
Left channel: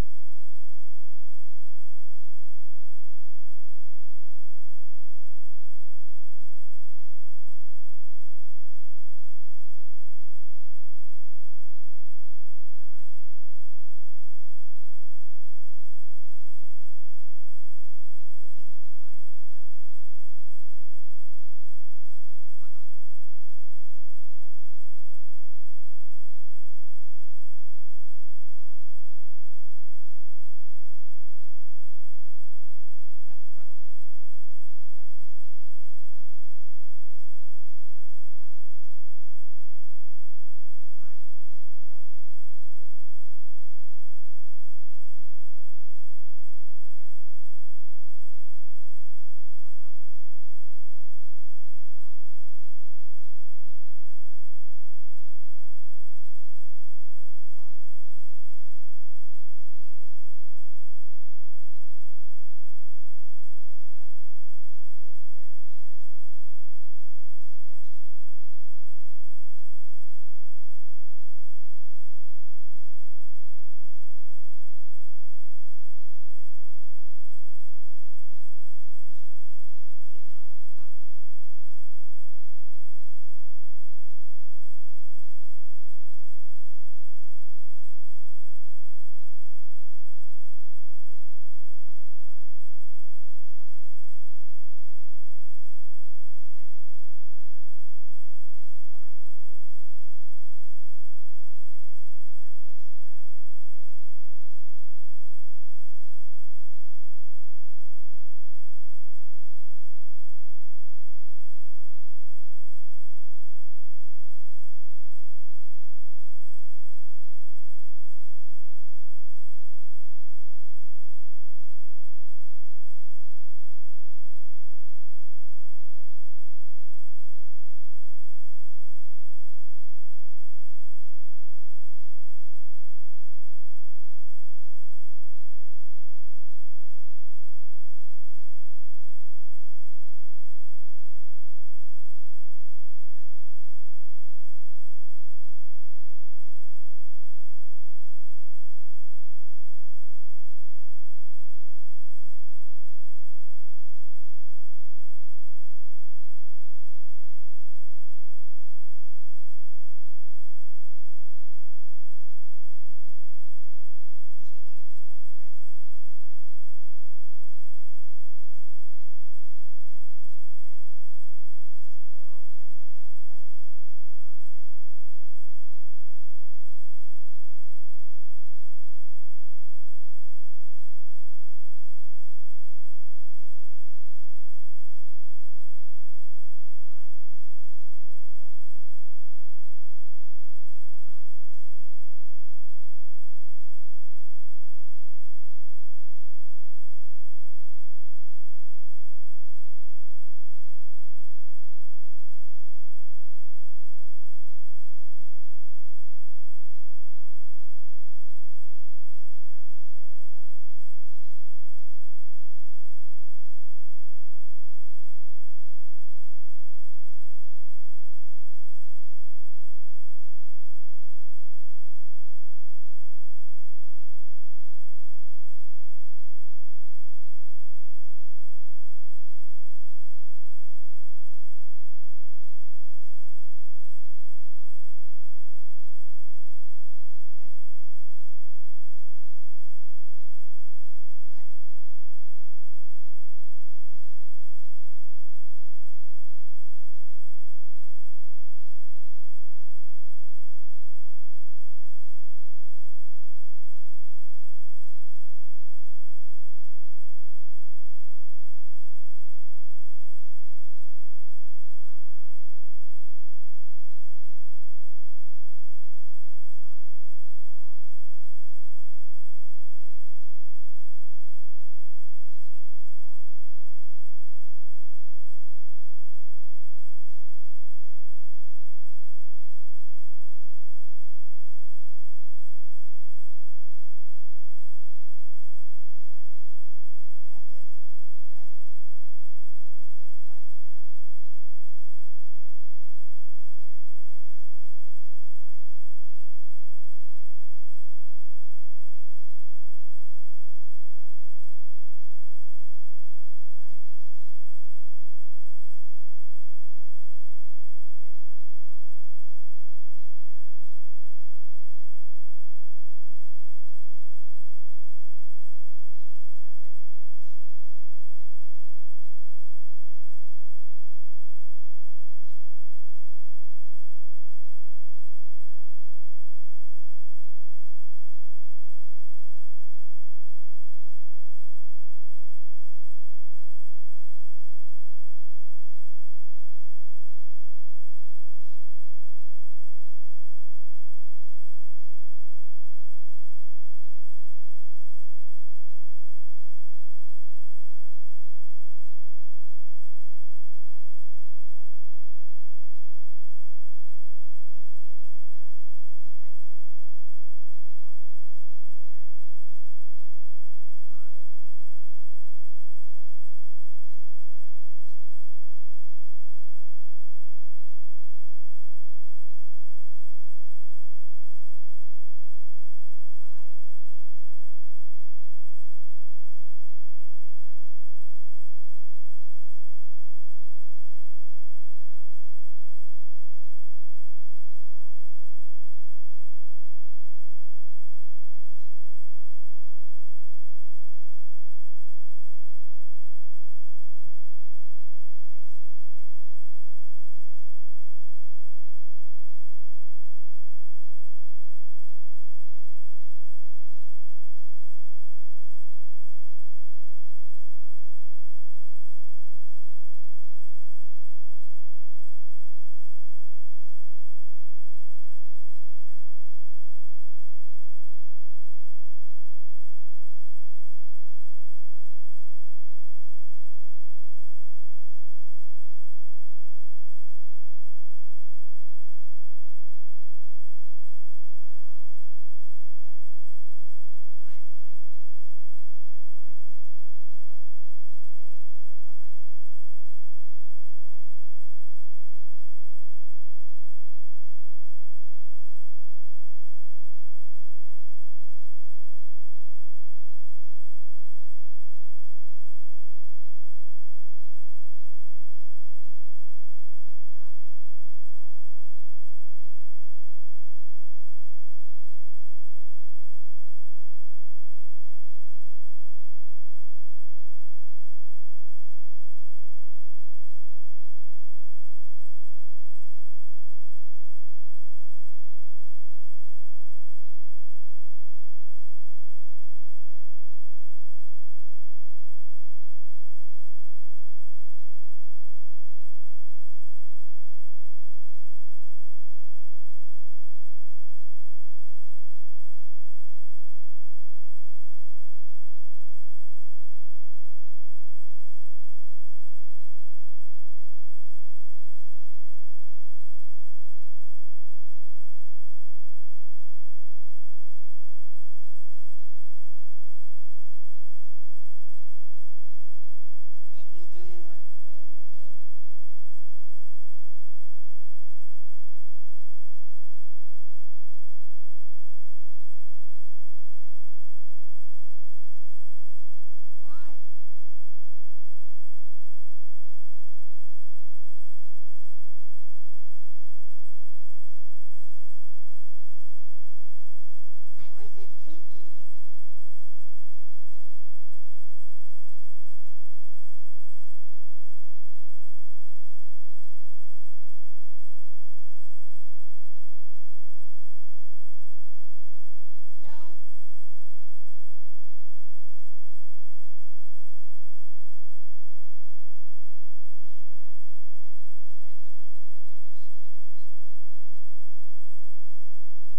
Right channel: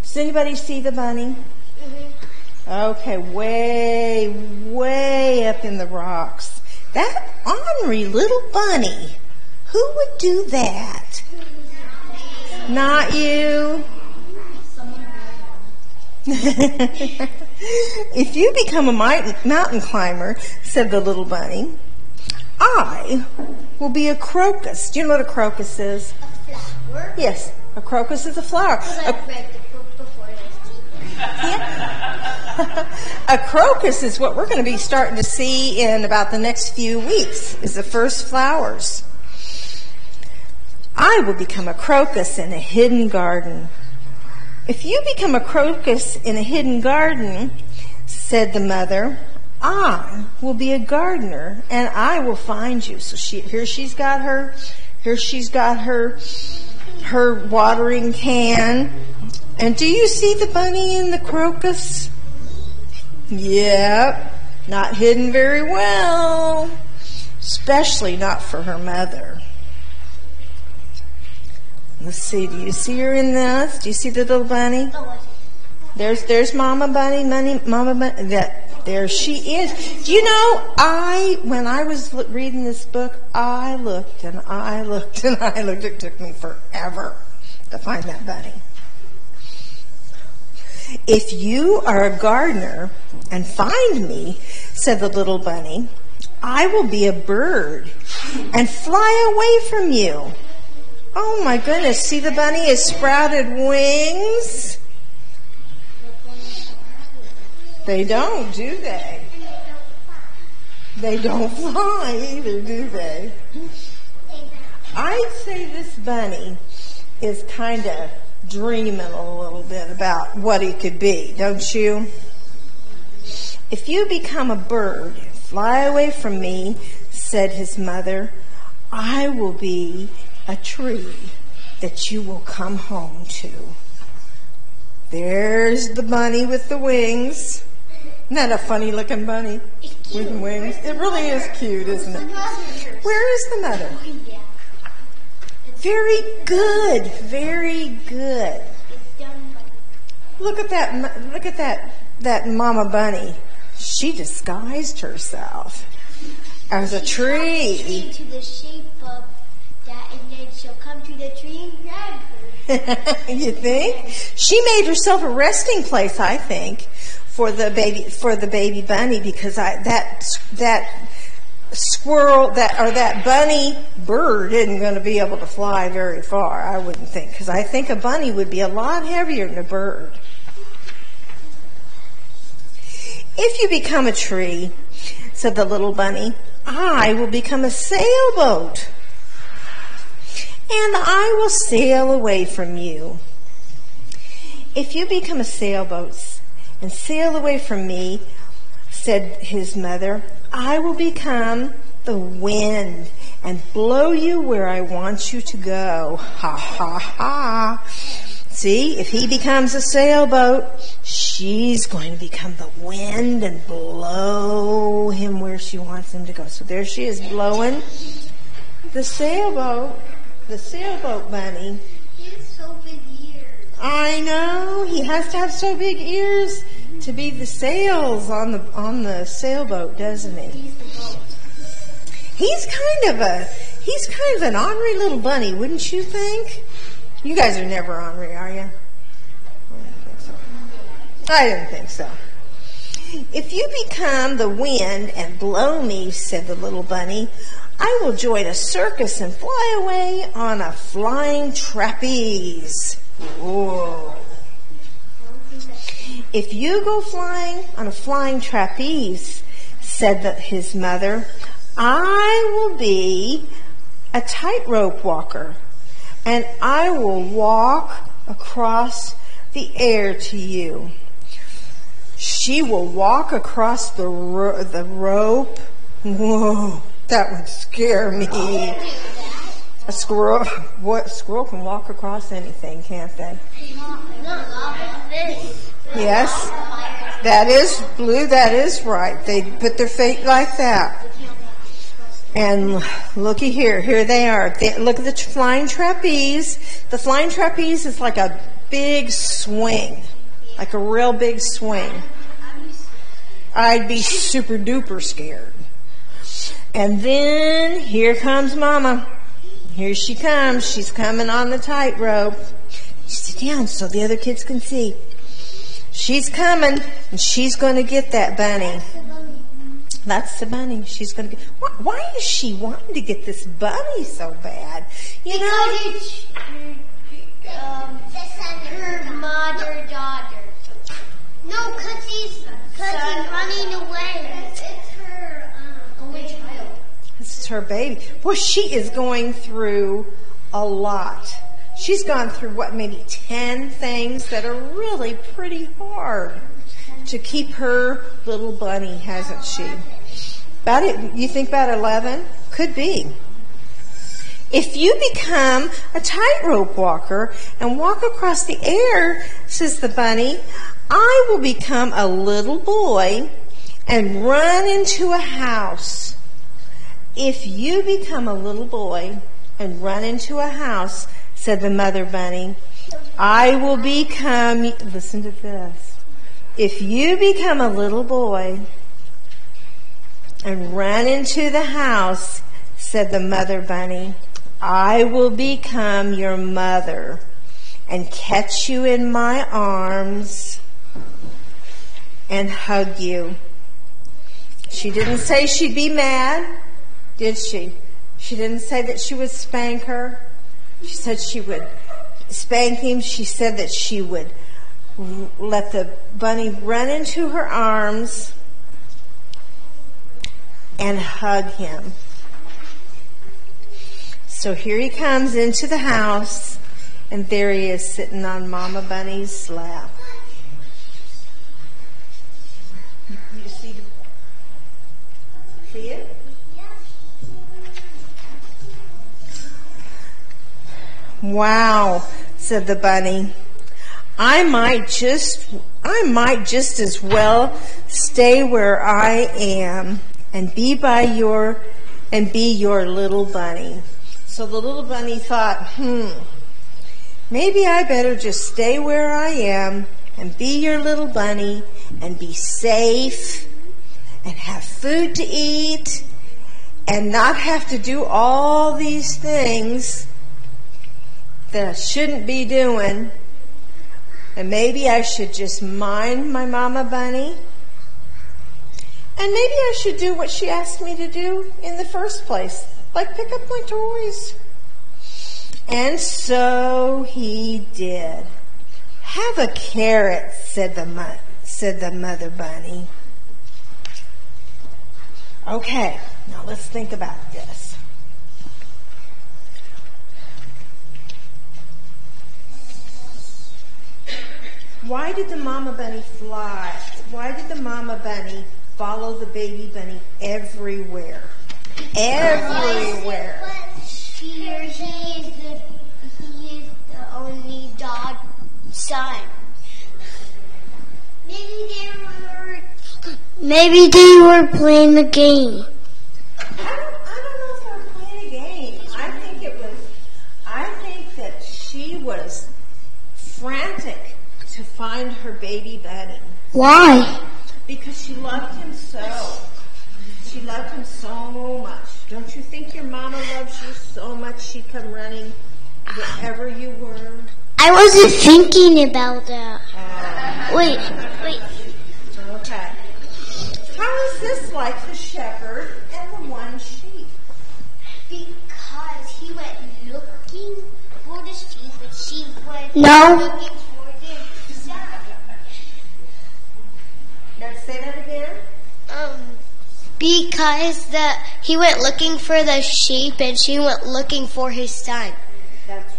Does anybody see the bunny? Mm-hmm. Okay, way up in the rocks. That ornery little bunny. Who would do that? Not you. "If you become a mountain climber," said the little bunny, "I will be a crocus." Do you know what a crocus is? A flower? Yes, a crocus is a flower. Because I've read the book before. A crocus is what we're going to be starting to see in about the next few weeks, is the first flowers. "I will become a crocus in a hidden garden." If you become a crocus in a hidden garden, said the mother. I will be a gardener, and I will find you. So here she's got her watering can. And do you see the bunny and the crocus? Yep, not hidden very well, especially not for her mother. Let's see, do you see her in this? Do you see the little bunny? There's Mama Bunny, Mama Bunny. There she is. Do you know, when I was reading this book, I looked and I looked and I looked. It took me forever to find that bunny. If you are a gardener and find me, said the little bunny, I will be a bird and fly away from you. Oh my goodness, see the bunny has sprouted wings? They don't, do they? They don't fly either, do they? I'd say this bunny is kind of dreaming a little bit about what he could be, don't you? If you become a bird, fly away from me, said his mother, I will be a tree that you will come home to. There's the bunny with the wings. Isn't that a funny looking bunny with wings? It really is cute, isn't it? Where is the mother? Very good, very good. Look at that mama bunny. She disguised herself as a tree. To the shape of that, and then she'll come to the tree and grab her. You think? She made herself a resting place, I think, for the baby bunny, because that squirrel that bunny bird isn't going to be able to fly very far, I wouldn't think, because I think a bunny would be a lot heavier than a bird. If you become a tree, said the little bunny, I will become a sailboat, and I will sail away from you. If you become a sailboat and sail away from me, said his mother, I will become the wind and blow you where I want you to go. Ha, ha, ha. See, if he becomes a sailboat, she's going to become the wind and blow him where she wants him to go. So there she is blowing the sailboat bunny. He has so big ears. I know, he has to have so big ears to be the sails on the sailboat, doesn't he? He's the boat. He's kind of an ornery little bunny, wouldn't you think? You guys are never ornery, are you? I didn't think so. If you become the wind and blow me, said the little bunny, I will join a circus and fly away on a flying trapeze. Whoa. If you go flying on a flying trapeze, said his mother, I will be a tightrope walker, and I will walk across the air to you. She will walk across the rope. Whoa, that would scare me. A squirrel can walk across anything, can't they? Yes, that is, Blue, that is right. They put their feet like that. And looky here they are. Look at the flying trapeze. The flying trapeze is like a big swing, like a real big swing. I'd be super duper scared. And then here comes Mama. Here she comes. She's coming on the tightrope. Sit down so the other kids can see. She's coming, and she's going to get that bunny. That's the bunny. She's going to get. Why is she wanting to get this bunny so bad? You know, Because it's her mother daughter. No, because he's running away. It's her only child. this is her baby. Boy, she is going through a lot. She's gone through maybe 10 things that are really pretty hard. to keep her little bunny, hasn't she? About it, you think about 11? Could be. If you become a tightrope walker and walk across the air, says the bunny, I will become a little boy and run into a house. If you become a little boy and run into a house, said the mother bunny, I will become, listen to this. If you become a little boy and run into the house, said the mother bunny, I will become your mother and catch you in my arms and hug you. She didn't say she'd be mad, did she? She didn't say that she would spank her. She said she would spank him. She said that she would let the bunny run into her arms and hug him. So here he comes into the house, and there he is sitting on Mama Bunny's lap. You see it? Wow, said the bunny. I might just as well stay where I am and be your little bunny. So the little bunny thought, maybe I better just stay where I am and be your little bunny and be safe and have food to eat and not have to do all these things that I shouldn't be doing. And maybe I should just mind my mama bunny. And maybe I should do what she asked me to do in the first place, like pick up my toys. And so he did. Have a carrot, said the mother bunny. Okay, now let's think about this. Why did the mama bunny fly? Why did the mama bunny follow the baby bunny everywhere? Everywhere. He is the only son. Maybe they were playing the game. I don't know if they were playing a game. I think that she was frantic to find her baby bunny. Why? Because she loved him so. She loved him so much. Don't you think your mama loves you so much she'd come running wherever you were? I wasn't thinking about that. Wait. Okay. How is this like the shepherd and the one sheep? Because he went looking for the sheep, but she went looking for the son. Now say that again. Because he went looking for the sheep and she went looking for his son. That's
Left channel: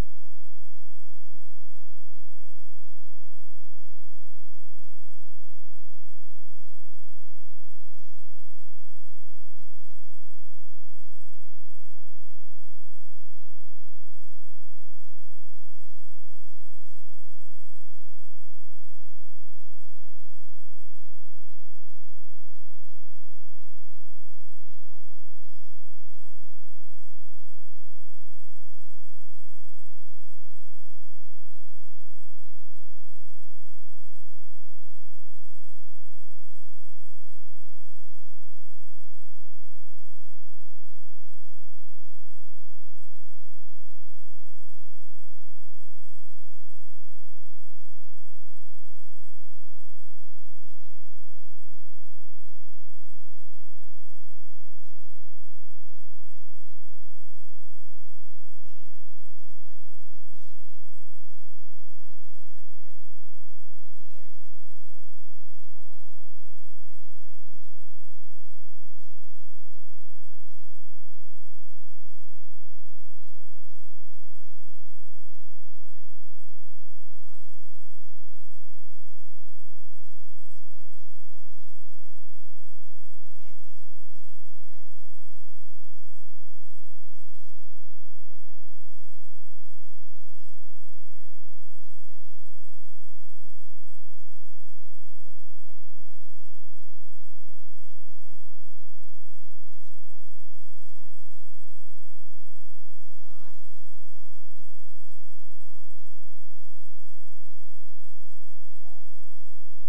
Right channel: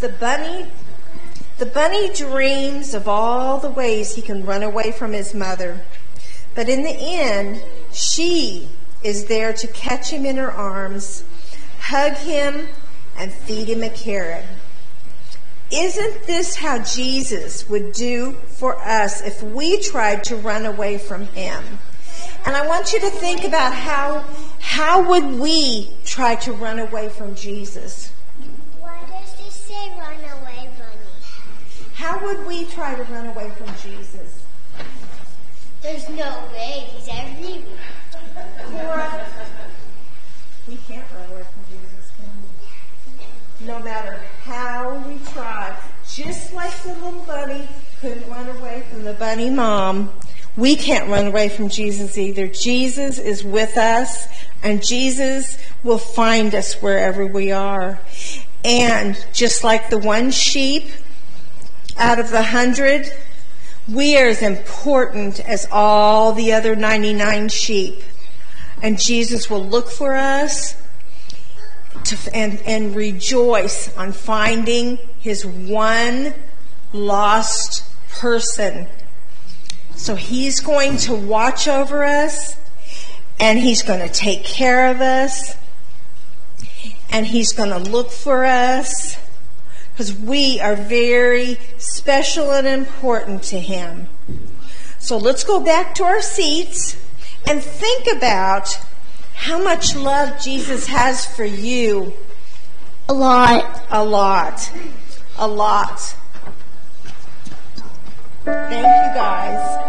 right. The bunny dreams of all the ways he can run away from his mother. But in the end, she is there to catch him in her arms, hug him, and feed him a carrot. Isn't this how Jesus would do for us if we tried to run away from him? And I want you to think about how would we try to run away from Jesus? Why does this say run away, Bunny? How would we try to run away from Jesus? There's no way. He's everywhere. Cora, we can't run away from Jesus, can we? No matter how we try. Just like the little bunny couldn't run away from the bunny mom, we can't run away from Jesus either. Jesus is with us, and Jesus will find us wherever we are. And just like the one sheep out of the 100, we are as important as all the other 99 sheep. And Jesus will look for us and rejoice on finding his one lost person So he's going to watch over us, and he's going to take care of us, and he's going to look for us, because we are very special and important to him. So let's go back to our seats and think about how much love Jesus has for you. A lot. A lot. A lot. Thank you, guys.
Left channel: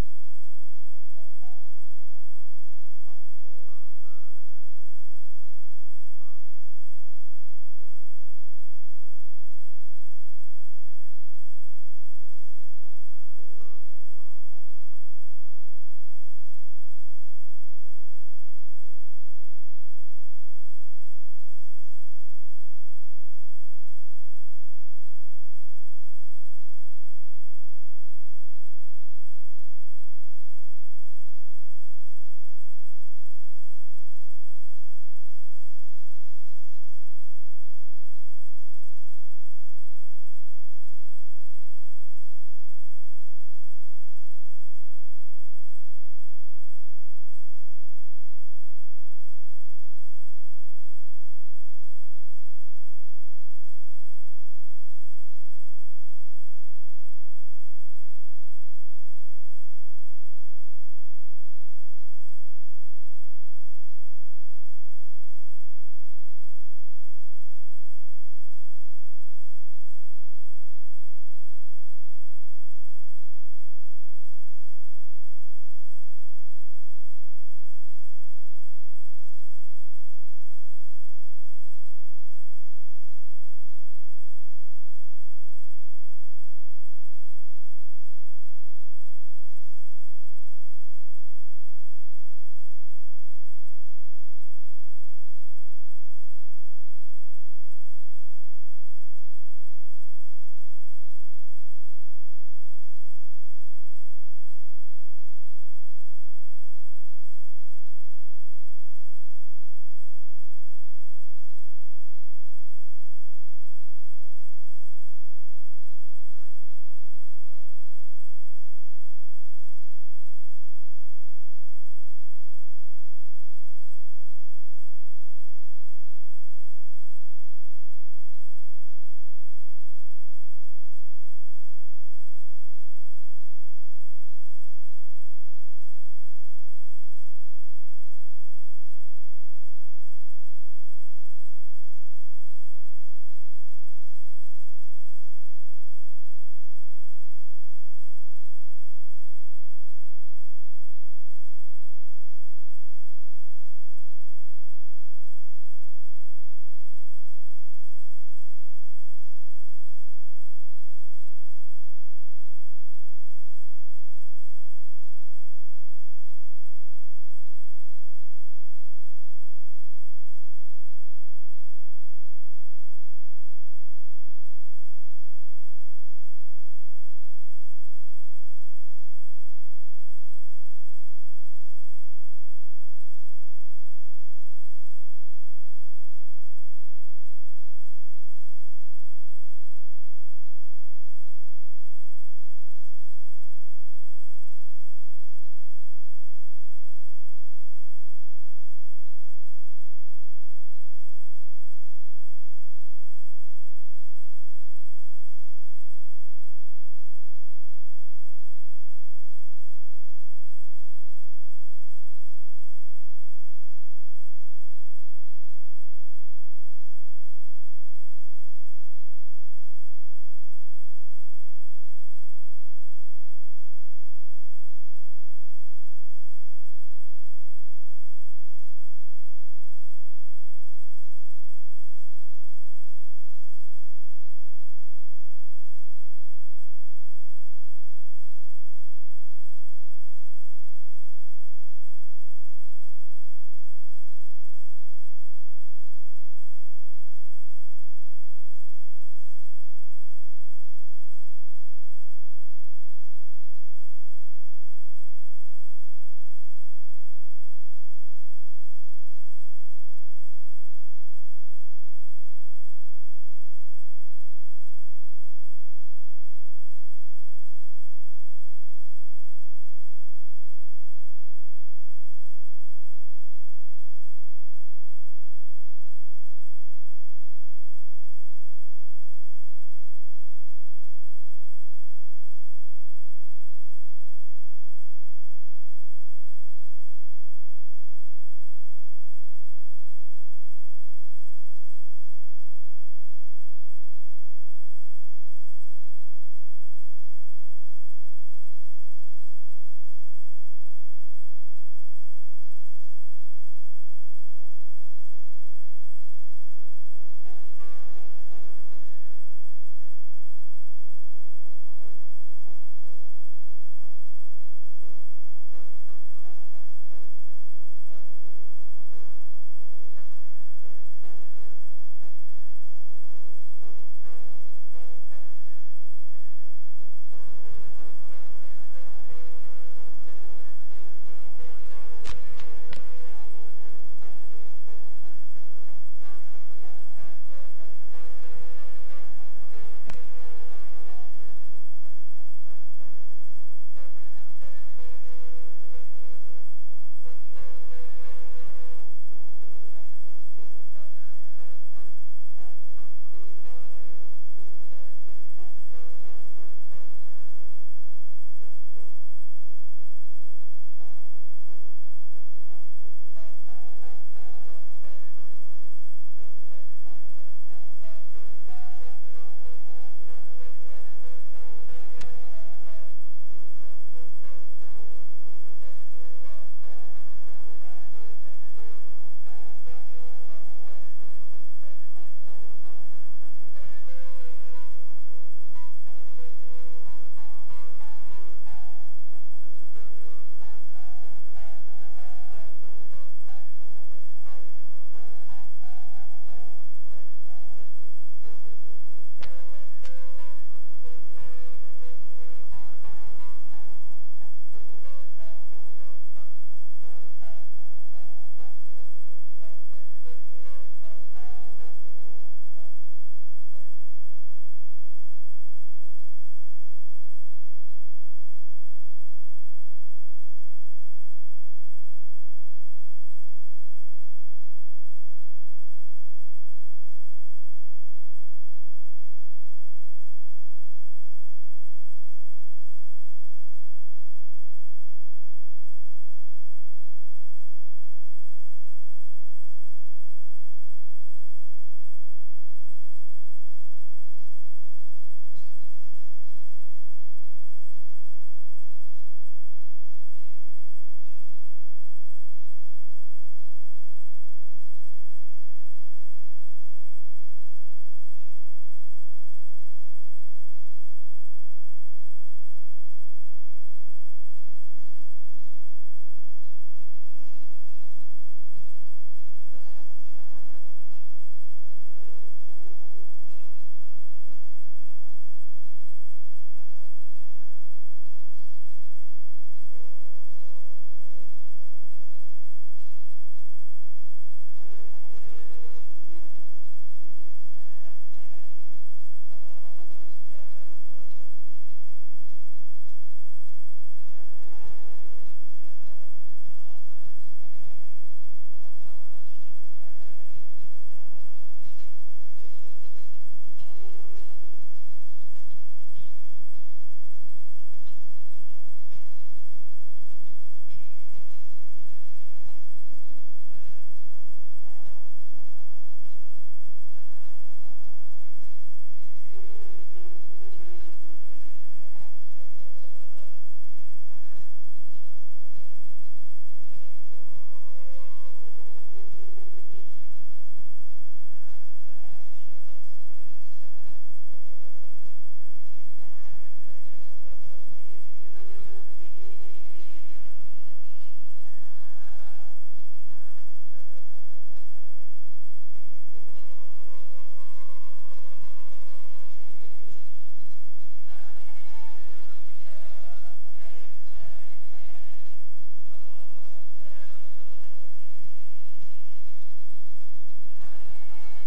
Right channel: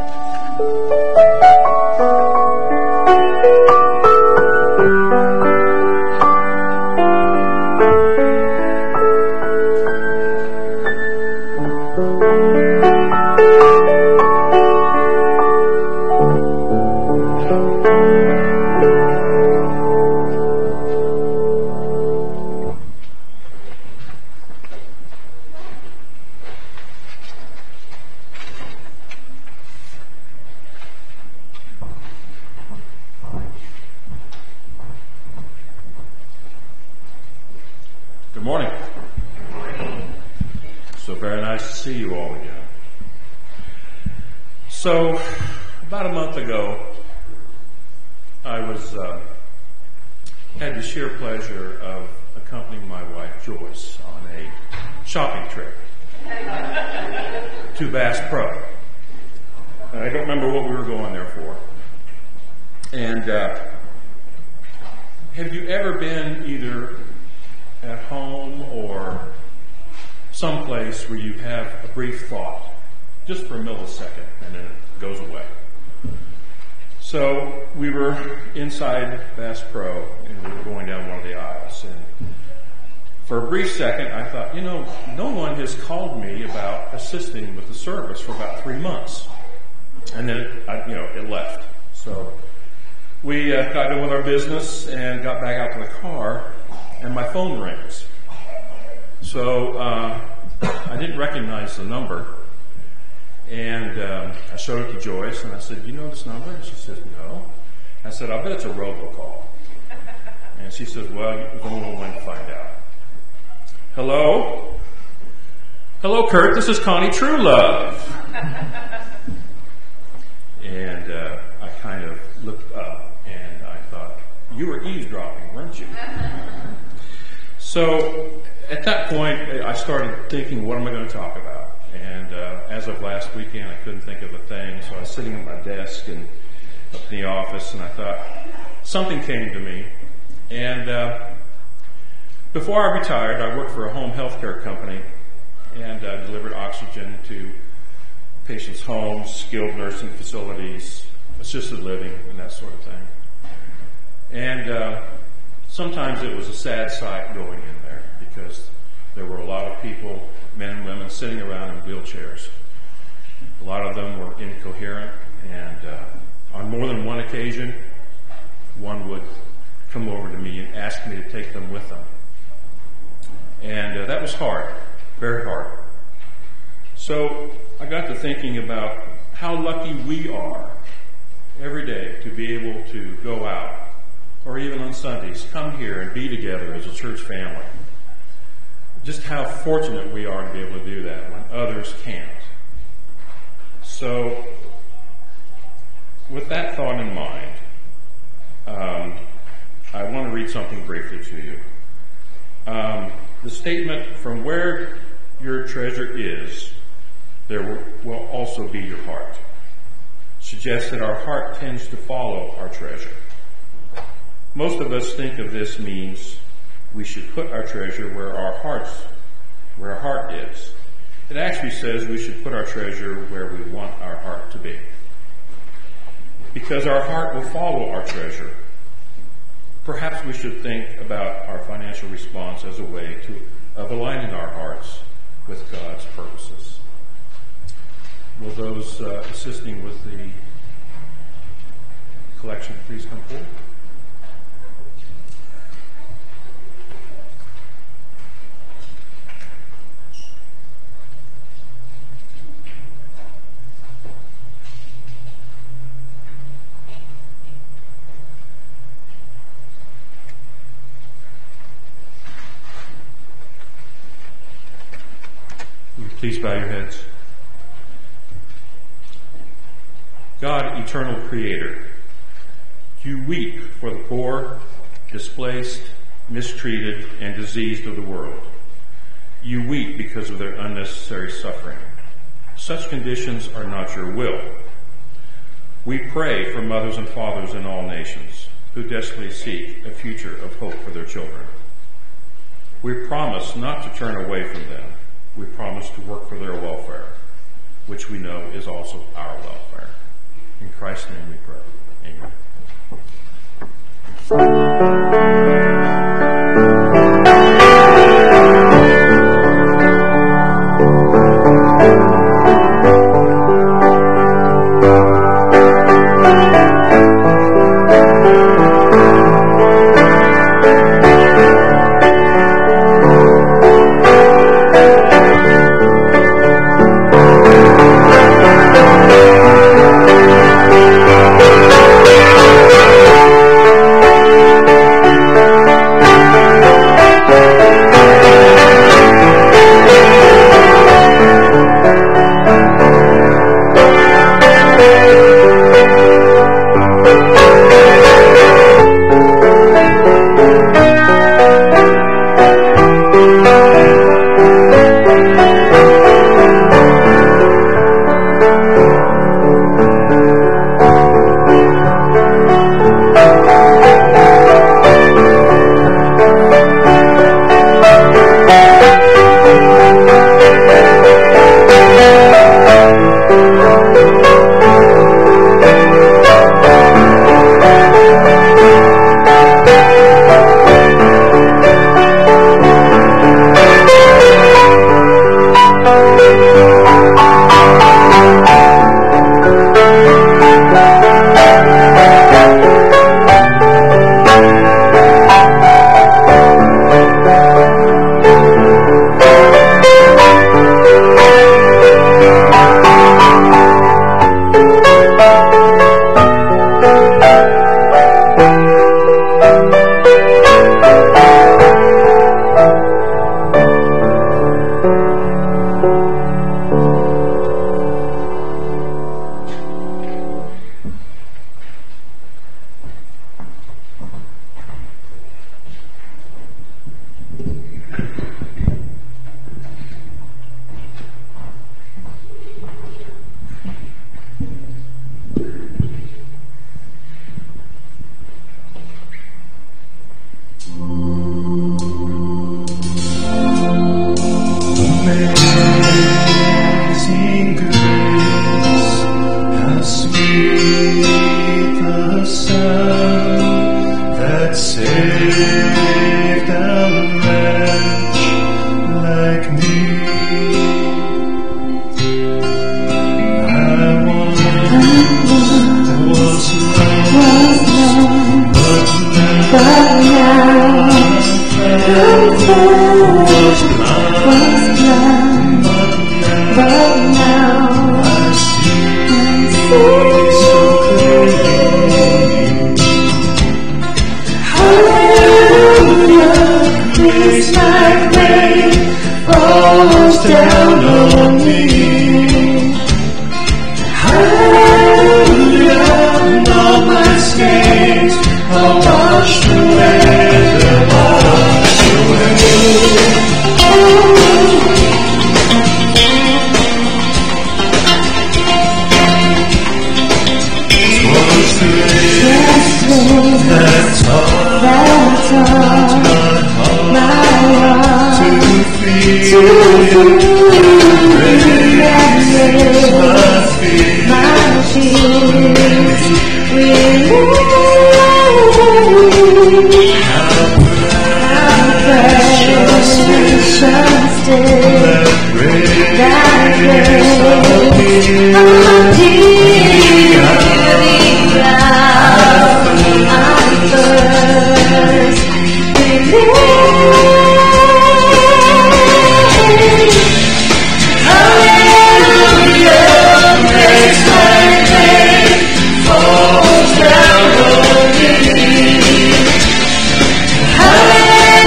Good morning. So very nice to see you all again. So about a month ago, I had the sheer pleasure of accompanying my wife Joyce on a shopping trip to Bass Pro. And I don't remember what we were going there for. And have you ever been either at home or someplace where you have a brief thought, just for a millisecond, and then it goes away? So we were inside Bass Pro, and we were going down one of the aisles, and for a brief second I thought, no one has called me about assisting with the service for about 3 months. And then it left. So we got done with our business and got back out to the car, and my phone rings. So I didn't recognize the number, and I showed it to Joyce, and I said, "You know this number?" And she says, "No." I said, "I bet it's a robocall." And she says, "Well, you're the only one to find out." Hello? Hello, Kurt, this is Connie Truelove. And I kind of looked up, and I thought, you were eavesdropping, weren't you? So at that point, I started thinking, what am I going to talk about? And as of last weekend, I couldn't think of a thing, so I was sitting at my desk and up in the office, and I thought, something came to me. And before I retired, I worked for a home health care company, and delivered oxygen to patients' homes, skilled nursing facilities, assisted living, and that sort of thing. And sometimes it was a sad sight going in there, because there were a lot of people, men and women, sitting around in wheelchairs. A lot of them were incoherent, and on more than one occasion, one would come over to me and ask me to take them with them. And that was hard, very hard. So I got to thinking about how lucky we are every day to be able to go out, or even on Sundays, come here and be together as a church family. Just how fortunate we are to be able to do that when others can't. So with that thought in mind, I want to read something briefly to you. The statement, "From where your treasure is, there will also be your heart," suggests that our heart tends to follow our treasure. Most of us think of this means we should put our treasure where our heart is. It actually says we should put our treasure where we want our heart to be, because our heart will follow our treasure. Perhaps we should think about our financial response as a way of aligning our hearts with God's purposes. Will those assisting with the collection please come forward? Please bow your heads. God, eternal creator, you weep for the poor, displaced, mistreated, and diseased of the world. You weep because of their unnecessary suffering. Such conditions are not your will. We pray for mothers and fathers in all nations who desperately seek a future of hope for their children. We promise not to turn away from them. We promise to work for their welfare, which we know is also our welfare. In Christ's name we pray. Amen.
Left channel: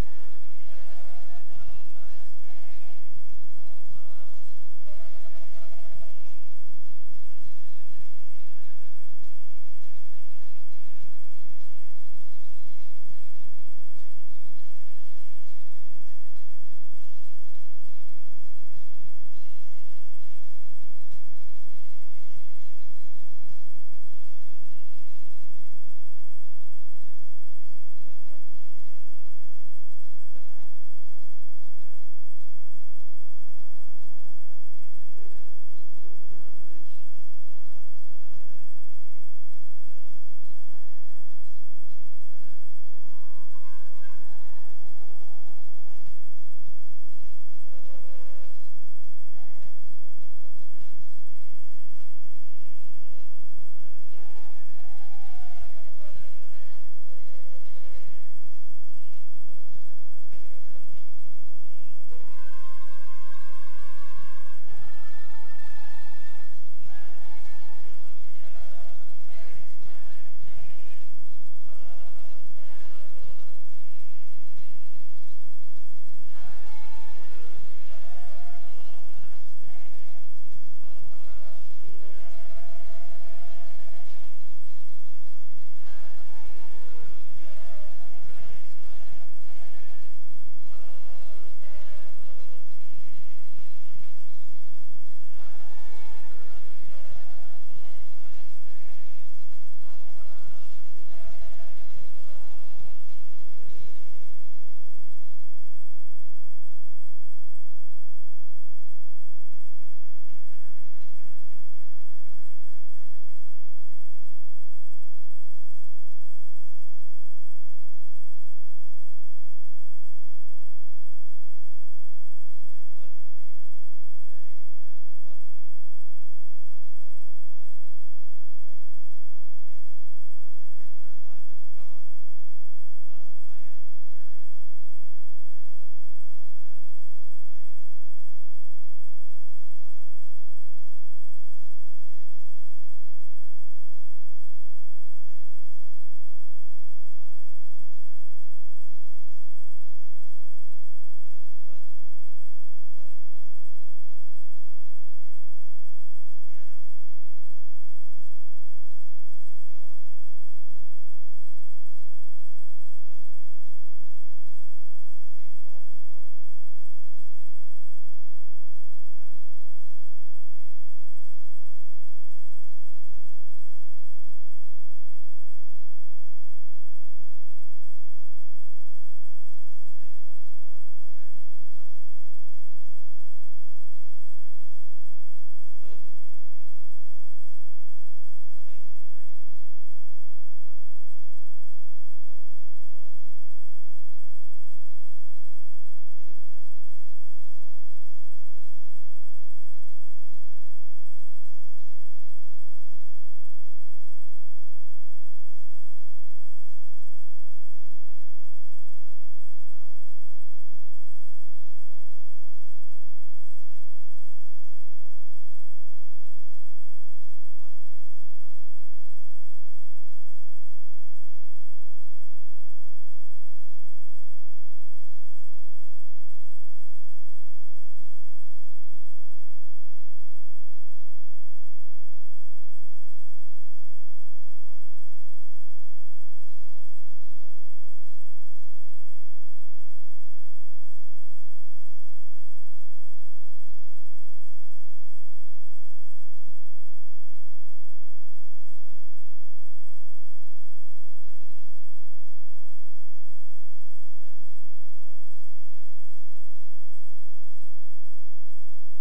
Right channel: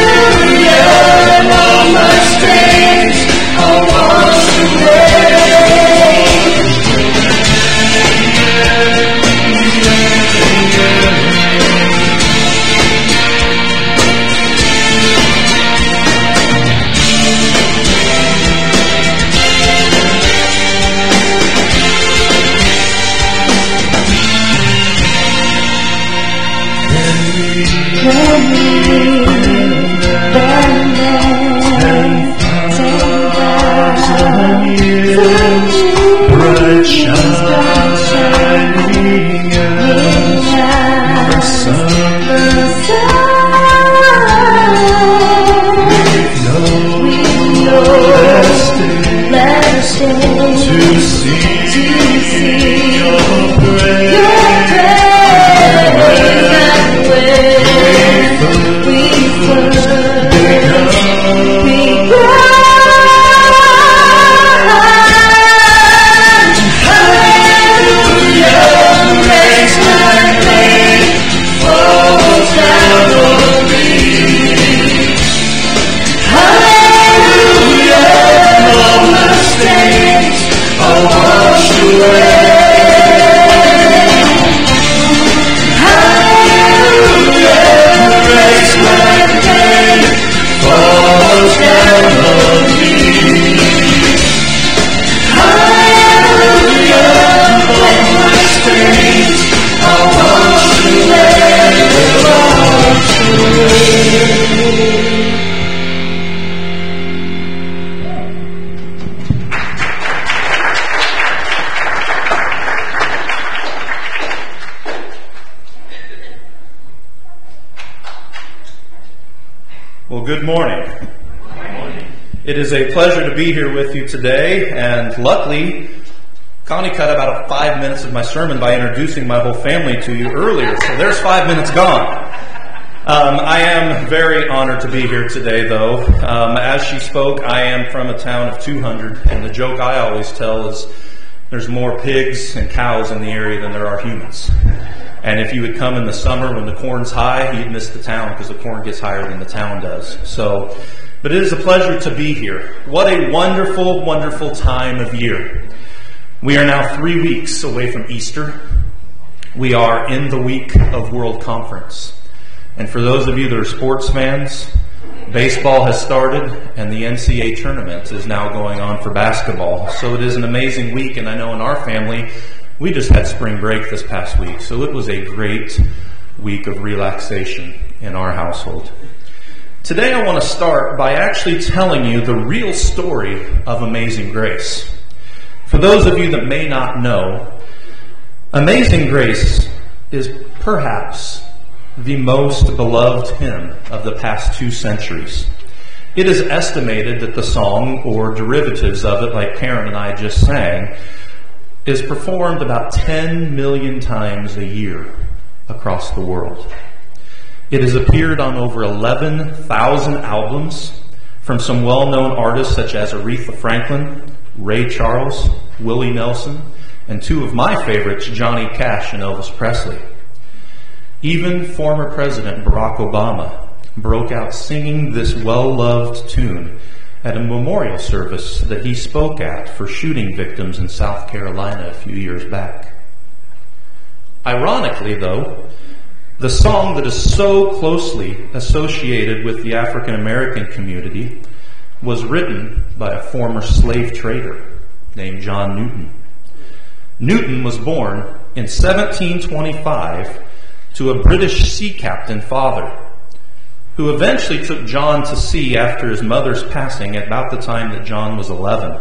Hallelujah, all my strength. Well, good morning. It is a pleasure to be here with you today, and luckily, Connie cut about 5 minutes of my sermon by introducing my whole family to you earlier, so there's 5 minutes gone. I am very honored to be here today, though. As she spoke, I am from a town of 200, and the joke I always tell is there's more pigs and cows in the area than there are humans. And if you would come in the summer when the corn's high, you'd miss the town because the corn gets higher than the town does. But it is a pleasure to be here. What a wonderful, wonderful time of year. We are now 3 weeks away from Easter. We are in the week of World Conference. And for those of you that are sports fans, baseball has started and the NCAA tournament is now going on for basketball. So it is an amazing week, and I know in our family, we just had spring break this past week, so it was a great week of relaxation in our household. Today I want to start by actually telling you the real story of Amazing Grace. For those of you that may not know, Amazing Grace is perhaps the most beloved hymn of the past 2 centuries. It is estimated that the song, or derivatives of it, like Karen and I just sang, is performed about 10 million times a year across the world. It has appeared on over 11,000 albums from some well-known artists such as Aretha Franklin, Ray Charles, Willie Nelson, and 2 of my favorites, Johnny Cash and Elvis Presley. Even former President Barack Obama broke out singing this well-loved tune at a memorial service that he spoke at for shooting victims in South Carolina a few years back. Ironically, though, the song that is so closely associated with the African American community was written by a former slave trader named John Newton. Newton was born in 1725 to a British sea captain father, who eventually took John to sea after his mother's passing at about the time that John was 11.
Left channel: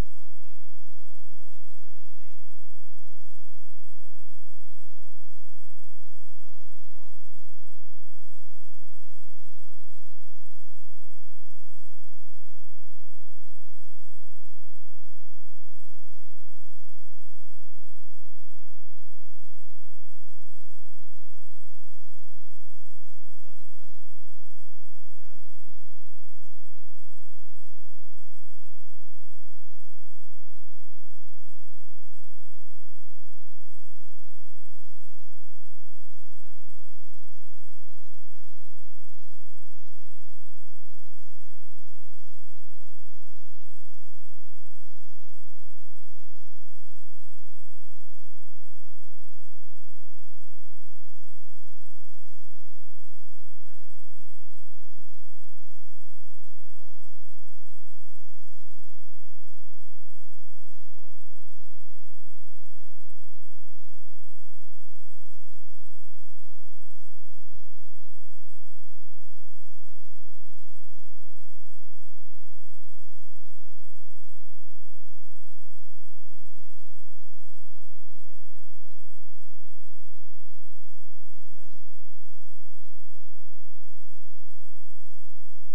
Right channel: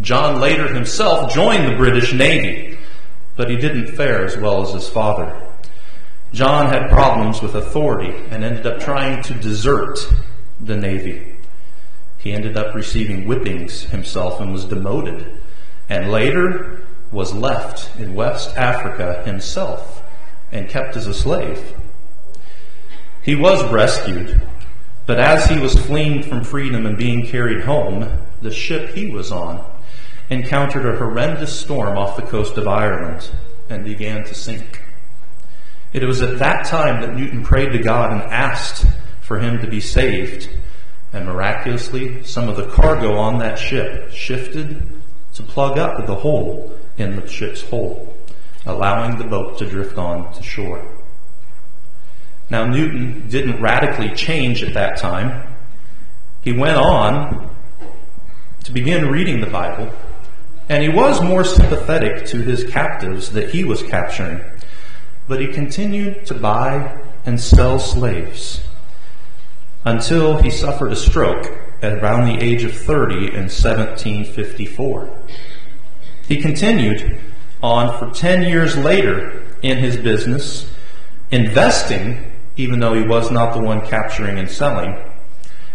John later himself joined the British Navy, but he didn't fare as well as his father. John had problems with authority and ended up trying to desert the Navy. He ended up receiving whippings himself and was demoted, and later was left in West Africa himself and kept as a slave. He was rescued, but as he was fleeing from freedom and being carried home, the ship he was on encountered a horrendous storm off the coast of Ireland and began to sink. It was at that time that Newton prayed to God and asked for him to be saved, and miraculously, some of the cargo on that ship shifted to plug up the hole in the ship's hull, allowing the boat to drift on to shore. Now, Newton didn't radically change at that time. He went on to begin reading the Bible, and he was more sympathetic to his captives that he was capturing, but he continued to buy and sell slaves until he suffered a stroke at around the age of 30 in 1754. He continued on for 10 years later in his business, investing, even though he was not the one capturing and selling.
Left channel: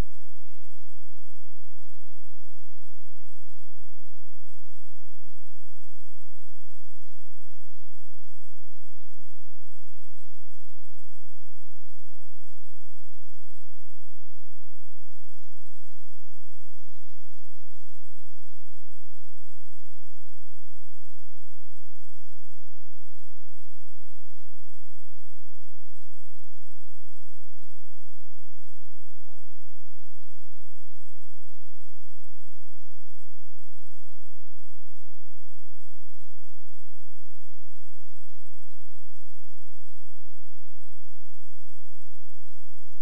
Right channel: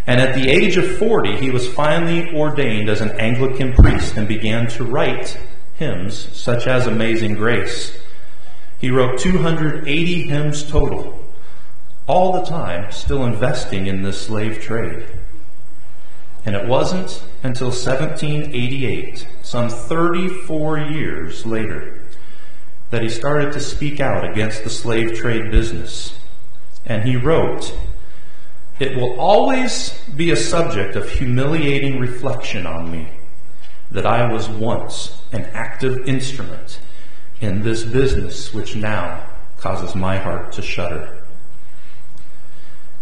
And at the age of 40, he was finally ordained as an Anglican priest and began to write hymns such as Amazing Grace. He wrote 280 hymns total, all the time still investing in this slave trade. And it wasn't until 1788, some 34 years later, that he started to speak out against the slave trade business. And he wrote, "It will always be a subject of humiliating reflection on me that I was once an active instrument in this business which now causes my heart to shudder."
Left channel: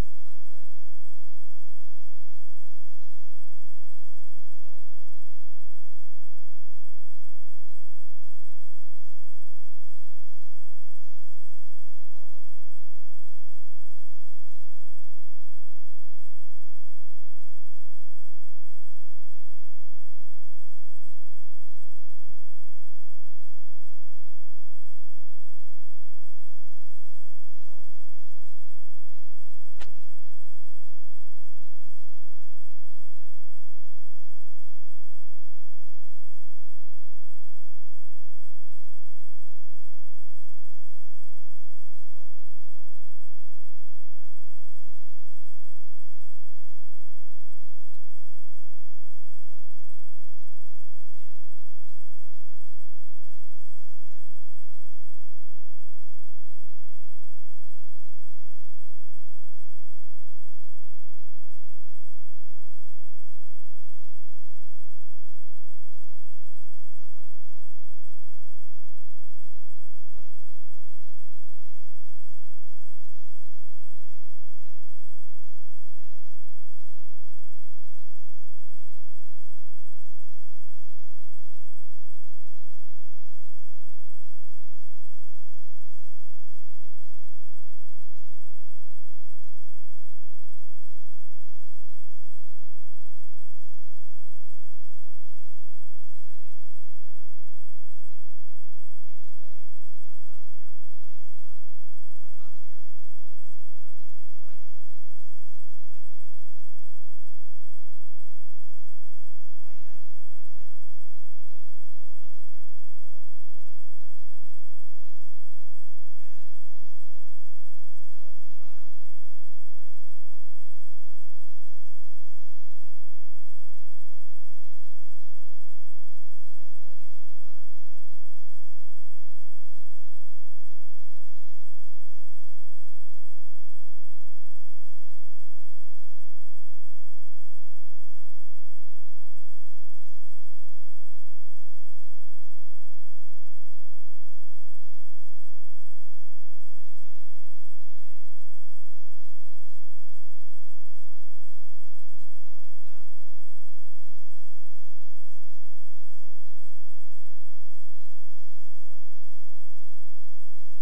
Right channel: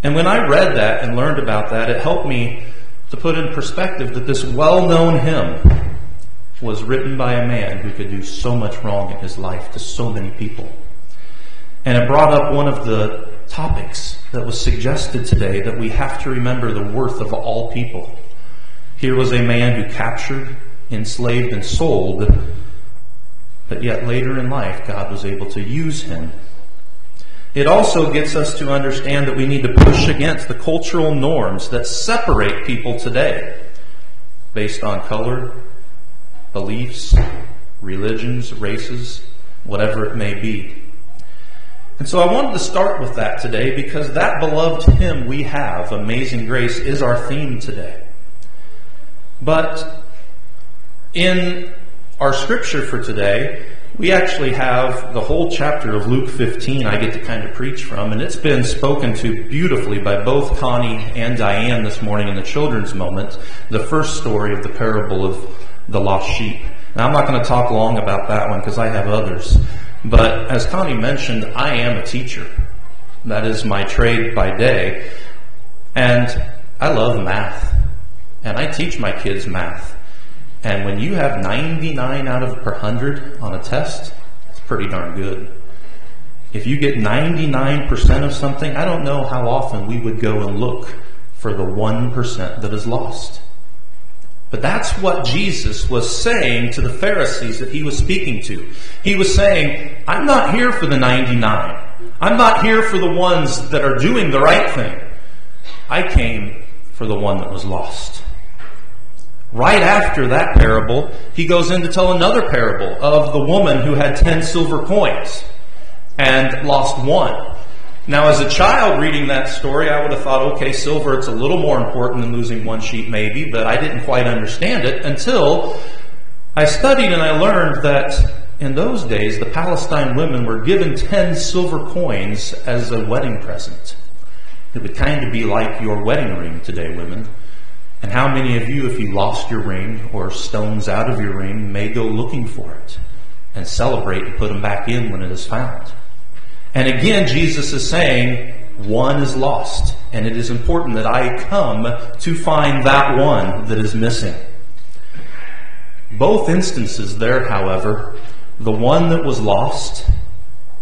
And when I read that and learned about that, it helped me to put in perspective that this well-known hymn was written by a man who could do so much wrong in his life to so many people. And it brought up one of the topics that was suggested today, that we have to remember the worth of all people. Here was a man who captured, enslaved, and sold, but yet later in life God was able to use him. It also gets us to understand that we need to push against the cultural norms that separate people today based on color, beliefs, religions, races, whatever it may be. And so I wanted to start with that today because that beloved hymn we have, Amazing Grace, is our theme today. But in our scripture for today, we actually have the whole chapter of Luke 15 I get to kind of preach from, and it's been spoken to beautifully by both Connie and Diane this morning in the children's moment, the first story of the parable of the lost sheep. Now, I'm not going to talk long about that one because I have others. But as Connie mentioned, I am a teacher. That is my trade by day. And I love math. And I teach my kids math. And when you have 99 out of per 100 on a test, it's pretty darn good. If you get 99% of something, I don't know how often we would go and look for the 1% that is lost. But that's what Jesus was saying to the Pharisees that he was speaking to. He was saying, I'm not here for the 99. I'm not here for the ones that are doing the right thing. I came for the one that was lost. Right after that parable, he goes in to tell another parable of the woman who had 10 silver coins and lost one. Now, as a child reading that story, I would have thought, okay, silver, it's a little more important than losing one sheep maybe, but I didn't quite understand it until I studied and I learned that in those days, the Palestine women were given 10 silver coins as a wedding present. It would kind of be like your wedding ring today, women. And how many of you, if you lost your ring or stones out of your ring, may go looking for it and celebrate and put them back in when it is found? And again, Jesus is saying, one is lost, and it is important that I come to find that one that is missing. Both instances there, however, the one that was lost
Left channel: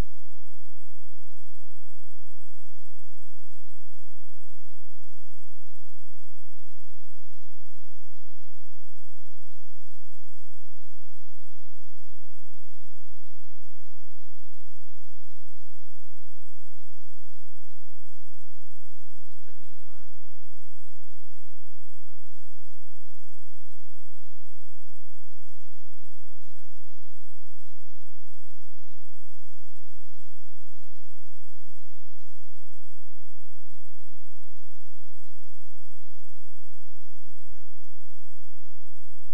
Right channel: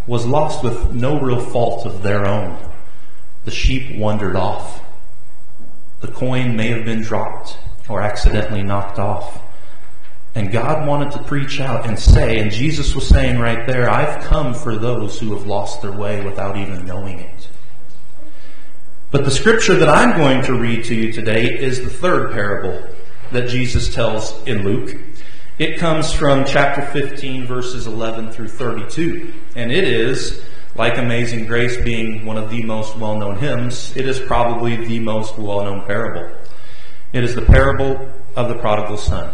with no real fault of their own. The sheep wandered off. The coin may have been dropped or accidentally knocked off. And God wanted to preach out and say, and Jesus was saying right there, I've come for those who have lost their way without even knowing it. But the scripture that I'm going to read to you today is the third parable that Jesus tells in Luke. It comes from chapter 15, verses 11 through 32. And it is, like Amazing Grace being one of the most well-known hymns, it is probably the most well-known parable. It is the parable of the prodigal son.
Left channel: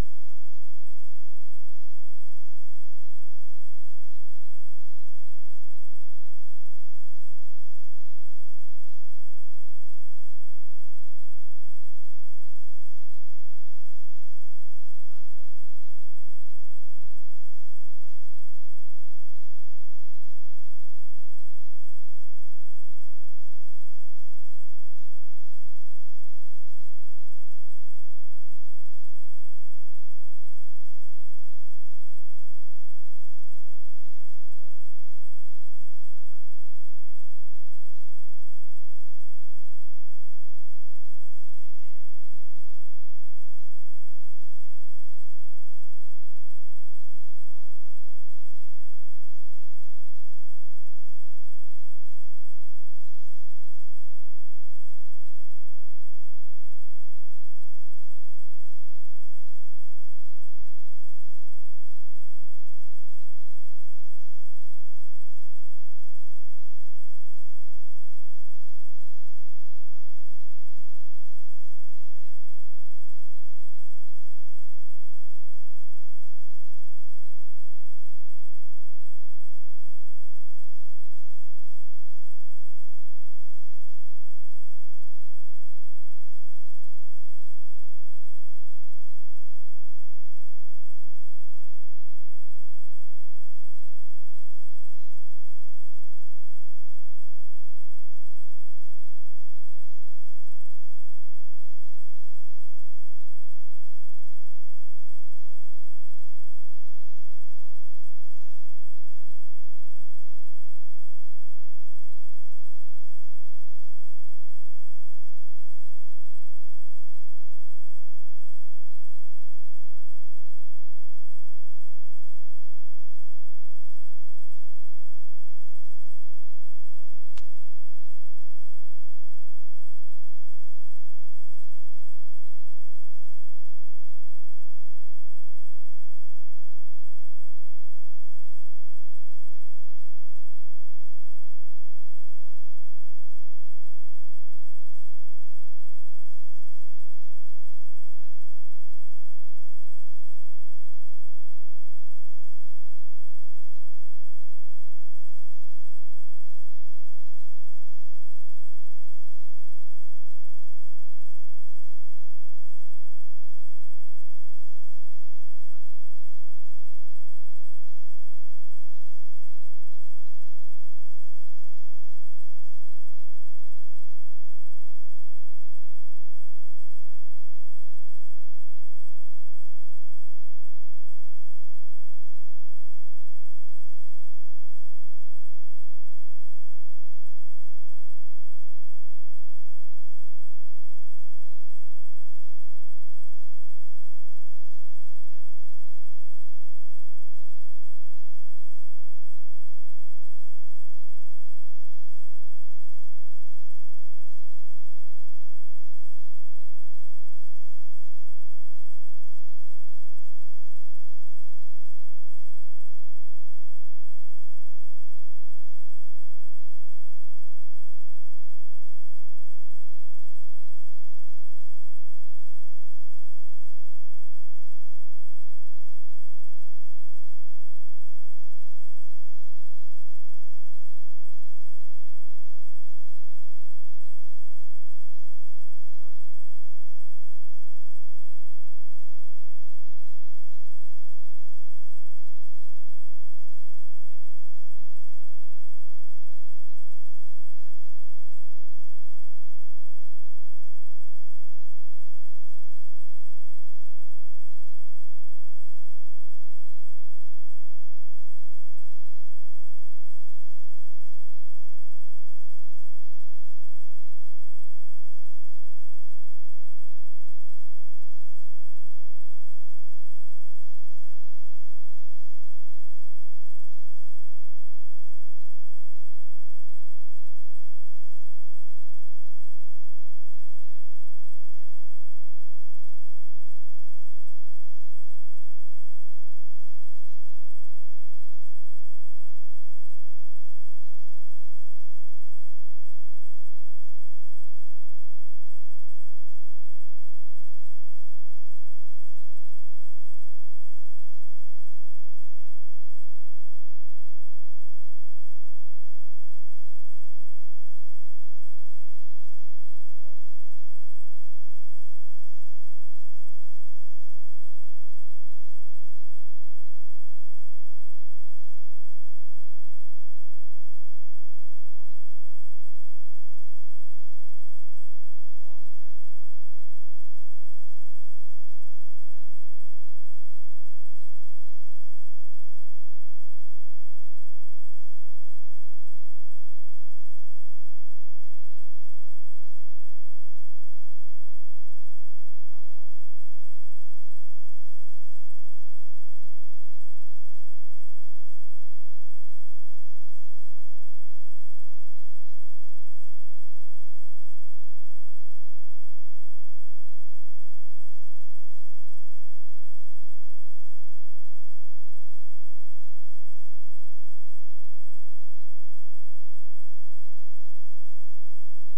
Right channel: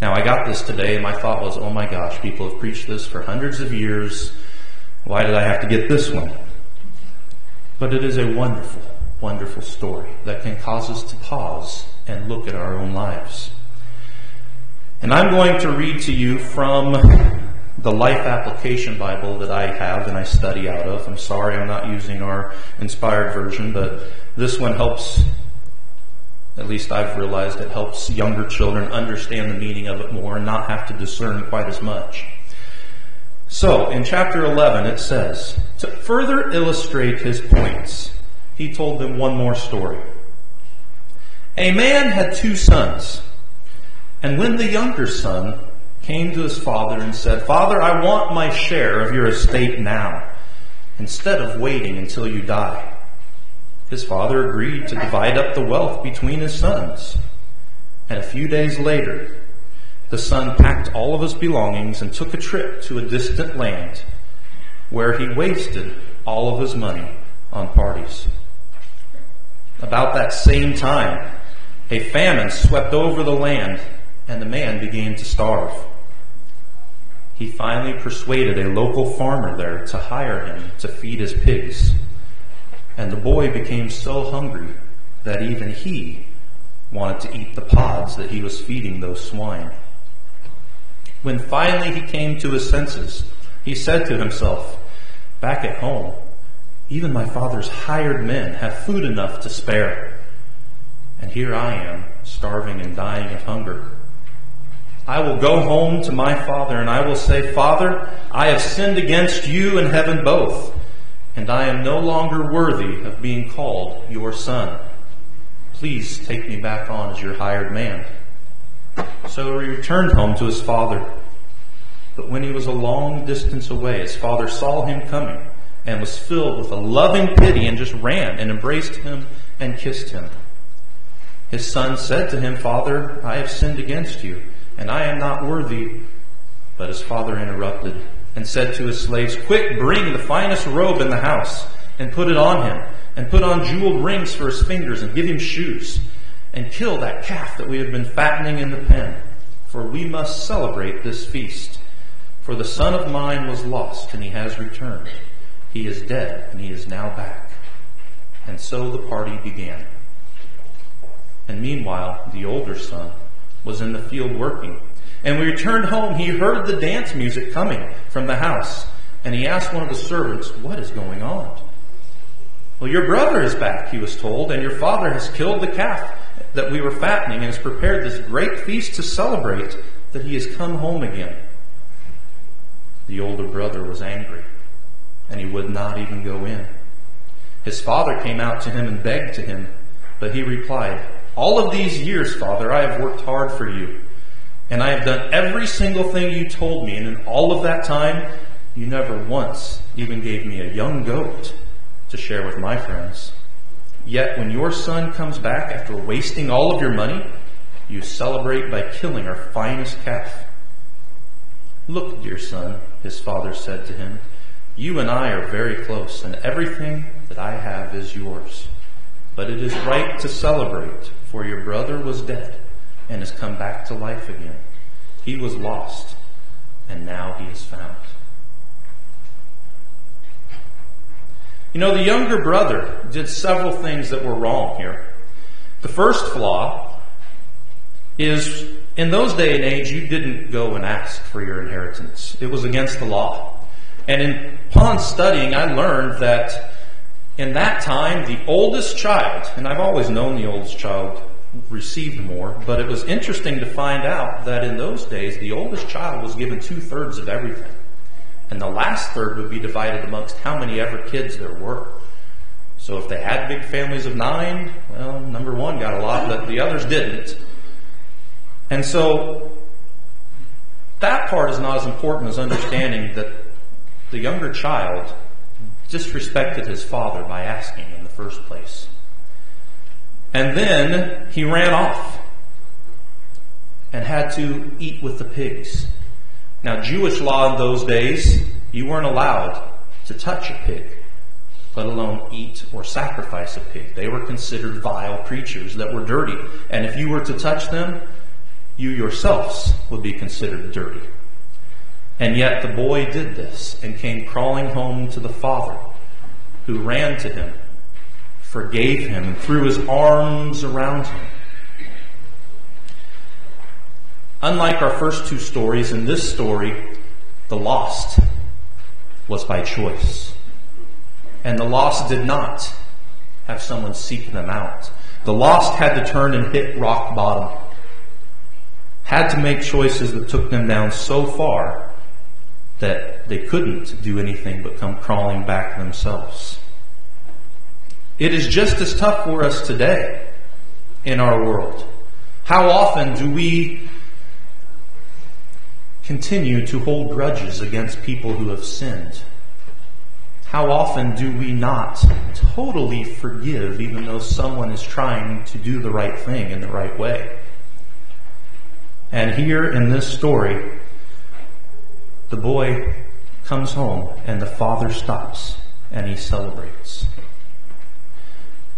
Now, I got this today, and my thought was, oh my gosh, people have preached this for hundreds of years. Why did I have to get this one? But it is a wonderful, wonderful story that can cause us to pause and look at our own lives. And I'm going to read to you from the Life Application Bible that I have and I study out of. I'm sorry I'm not using our inspired version, but this one helps. At least I've realized it helps younger children understand the meaning of it more and not have to discern quite as much. So, in chapter 11 it says, to further illustrate his points, he told them one more story. A man had 2 sons, and when the younger son came to his father and said, Father, I want my share of your estate now, instead of waiting until you die. His father agreed to divide up the wealth between his sons. And a few days later, the son packed all of his belongings and took a trip to a distant land where he wasted all of his money on parties. About that same time, A famine swept over the land, and the man began to starve. He finally persuaded a local farmer there to hire him to feed his pigs. And the boy became so hungry that even he wanted to eat the pods that he was feeding those swine. When finally he came to his senses, he said to himself, "Back at home, even my father's hired men have food enough to spare. And here I am, starving and dying of hunger. I will go home to my father, and I will say, 'Father, I have sinned against you and heaven both, and I am no longer worthy of being called your son. Please take me back on as your hired man.' So he returned home to his father. But when he was a long distance away, his father saw him coming and was filled with a loving pity and just ran and embraced him and kissed him. His son said to him, 'Father, I have sinned against you, and I am not worthy.' But his father interrupted and said to his slaves, 'Quick, bring the finest robe in the house and put it on him, and put on jeweled rings for his fingers and give him shoes, and kill that calf that we have been fattening in the pen, for we must celebrate this feast. For the son of mine was lost, and he has returned. He is dead, and he is now back.' And so the party began. And meanwhile, the older son was in the field working. And when he returned home, he heard the dance music coming from the house. And he asked one of the servants, 'What is going on?' 'Well, your brother is back,' he was told, 'and your father has killed the calf that we were fattening and has prepared this great feast to celebrate that he has come home again.' The older brother was angry, and he would not even go in. His father came out to him and begged to him, but he replied, 'All of these years, Father, I have worked hard for you, and I have done every single thing you told me, and in all of that time, you never once even gave me a young goat to share with my friends. Yet when your son comes back after wasting all of your money, you celebrate by killing our finest calf.' 'Look, dear son,' his father said to him, 'you and I are very close, and everything that I have is yours. But it is right to celebrate, for your brother was dead and has come back to life again. He was lost, and now he is found.'" You know, the younger brother did several things that were wrong here. The first flaw is, in those day and age, you didn't go and ask for your inheritance. It was against the law. And upon studying, I learned that in that time, the oldest child, and I've always known the oldest child received more, but it was interesting to find out that in those days, the oldest child was given 2/3 of everything. And the last third would be divided amongst how many ever kids there were. So if they had big families of 9, well, number one got a lot, but the others didn't. And so that part is not as important as understanding that the younger child disrespected his father by asking in the first place. And then he ran off and had to eat with the pigs. Now, Jewish law in those days, you weren't allowed to touch a pig, let alone eat or sacrifice a pig. They were considered vile creatures that were dirty. And if you were to touch them, you yourselves would be considered dirty. And yet the boy did this and came crawling home to the father, who ran to him, forgave him, and threw his arms around him. Unlike our first two stories, in this story, the lost was by choice. And the lost did not have someone seek them out. The lost had to turn and hit rock bottom. Had to make choices that took them down so far that they couldn't do anything but come crawling back themselves. It is just as tough for us today in our world. How often do we continue to hold grudges against people who have sinned? How often do we not totally forgive even though someone is trying to do the right thing in the right way? And here in this story, the boy comes home and the father stops and he celebrates.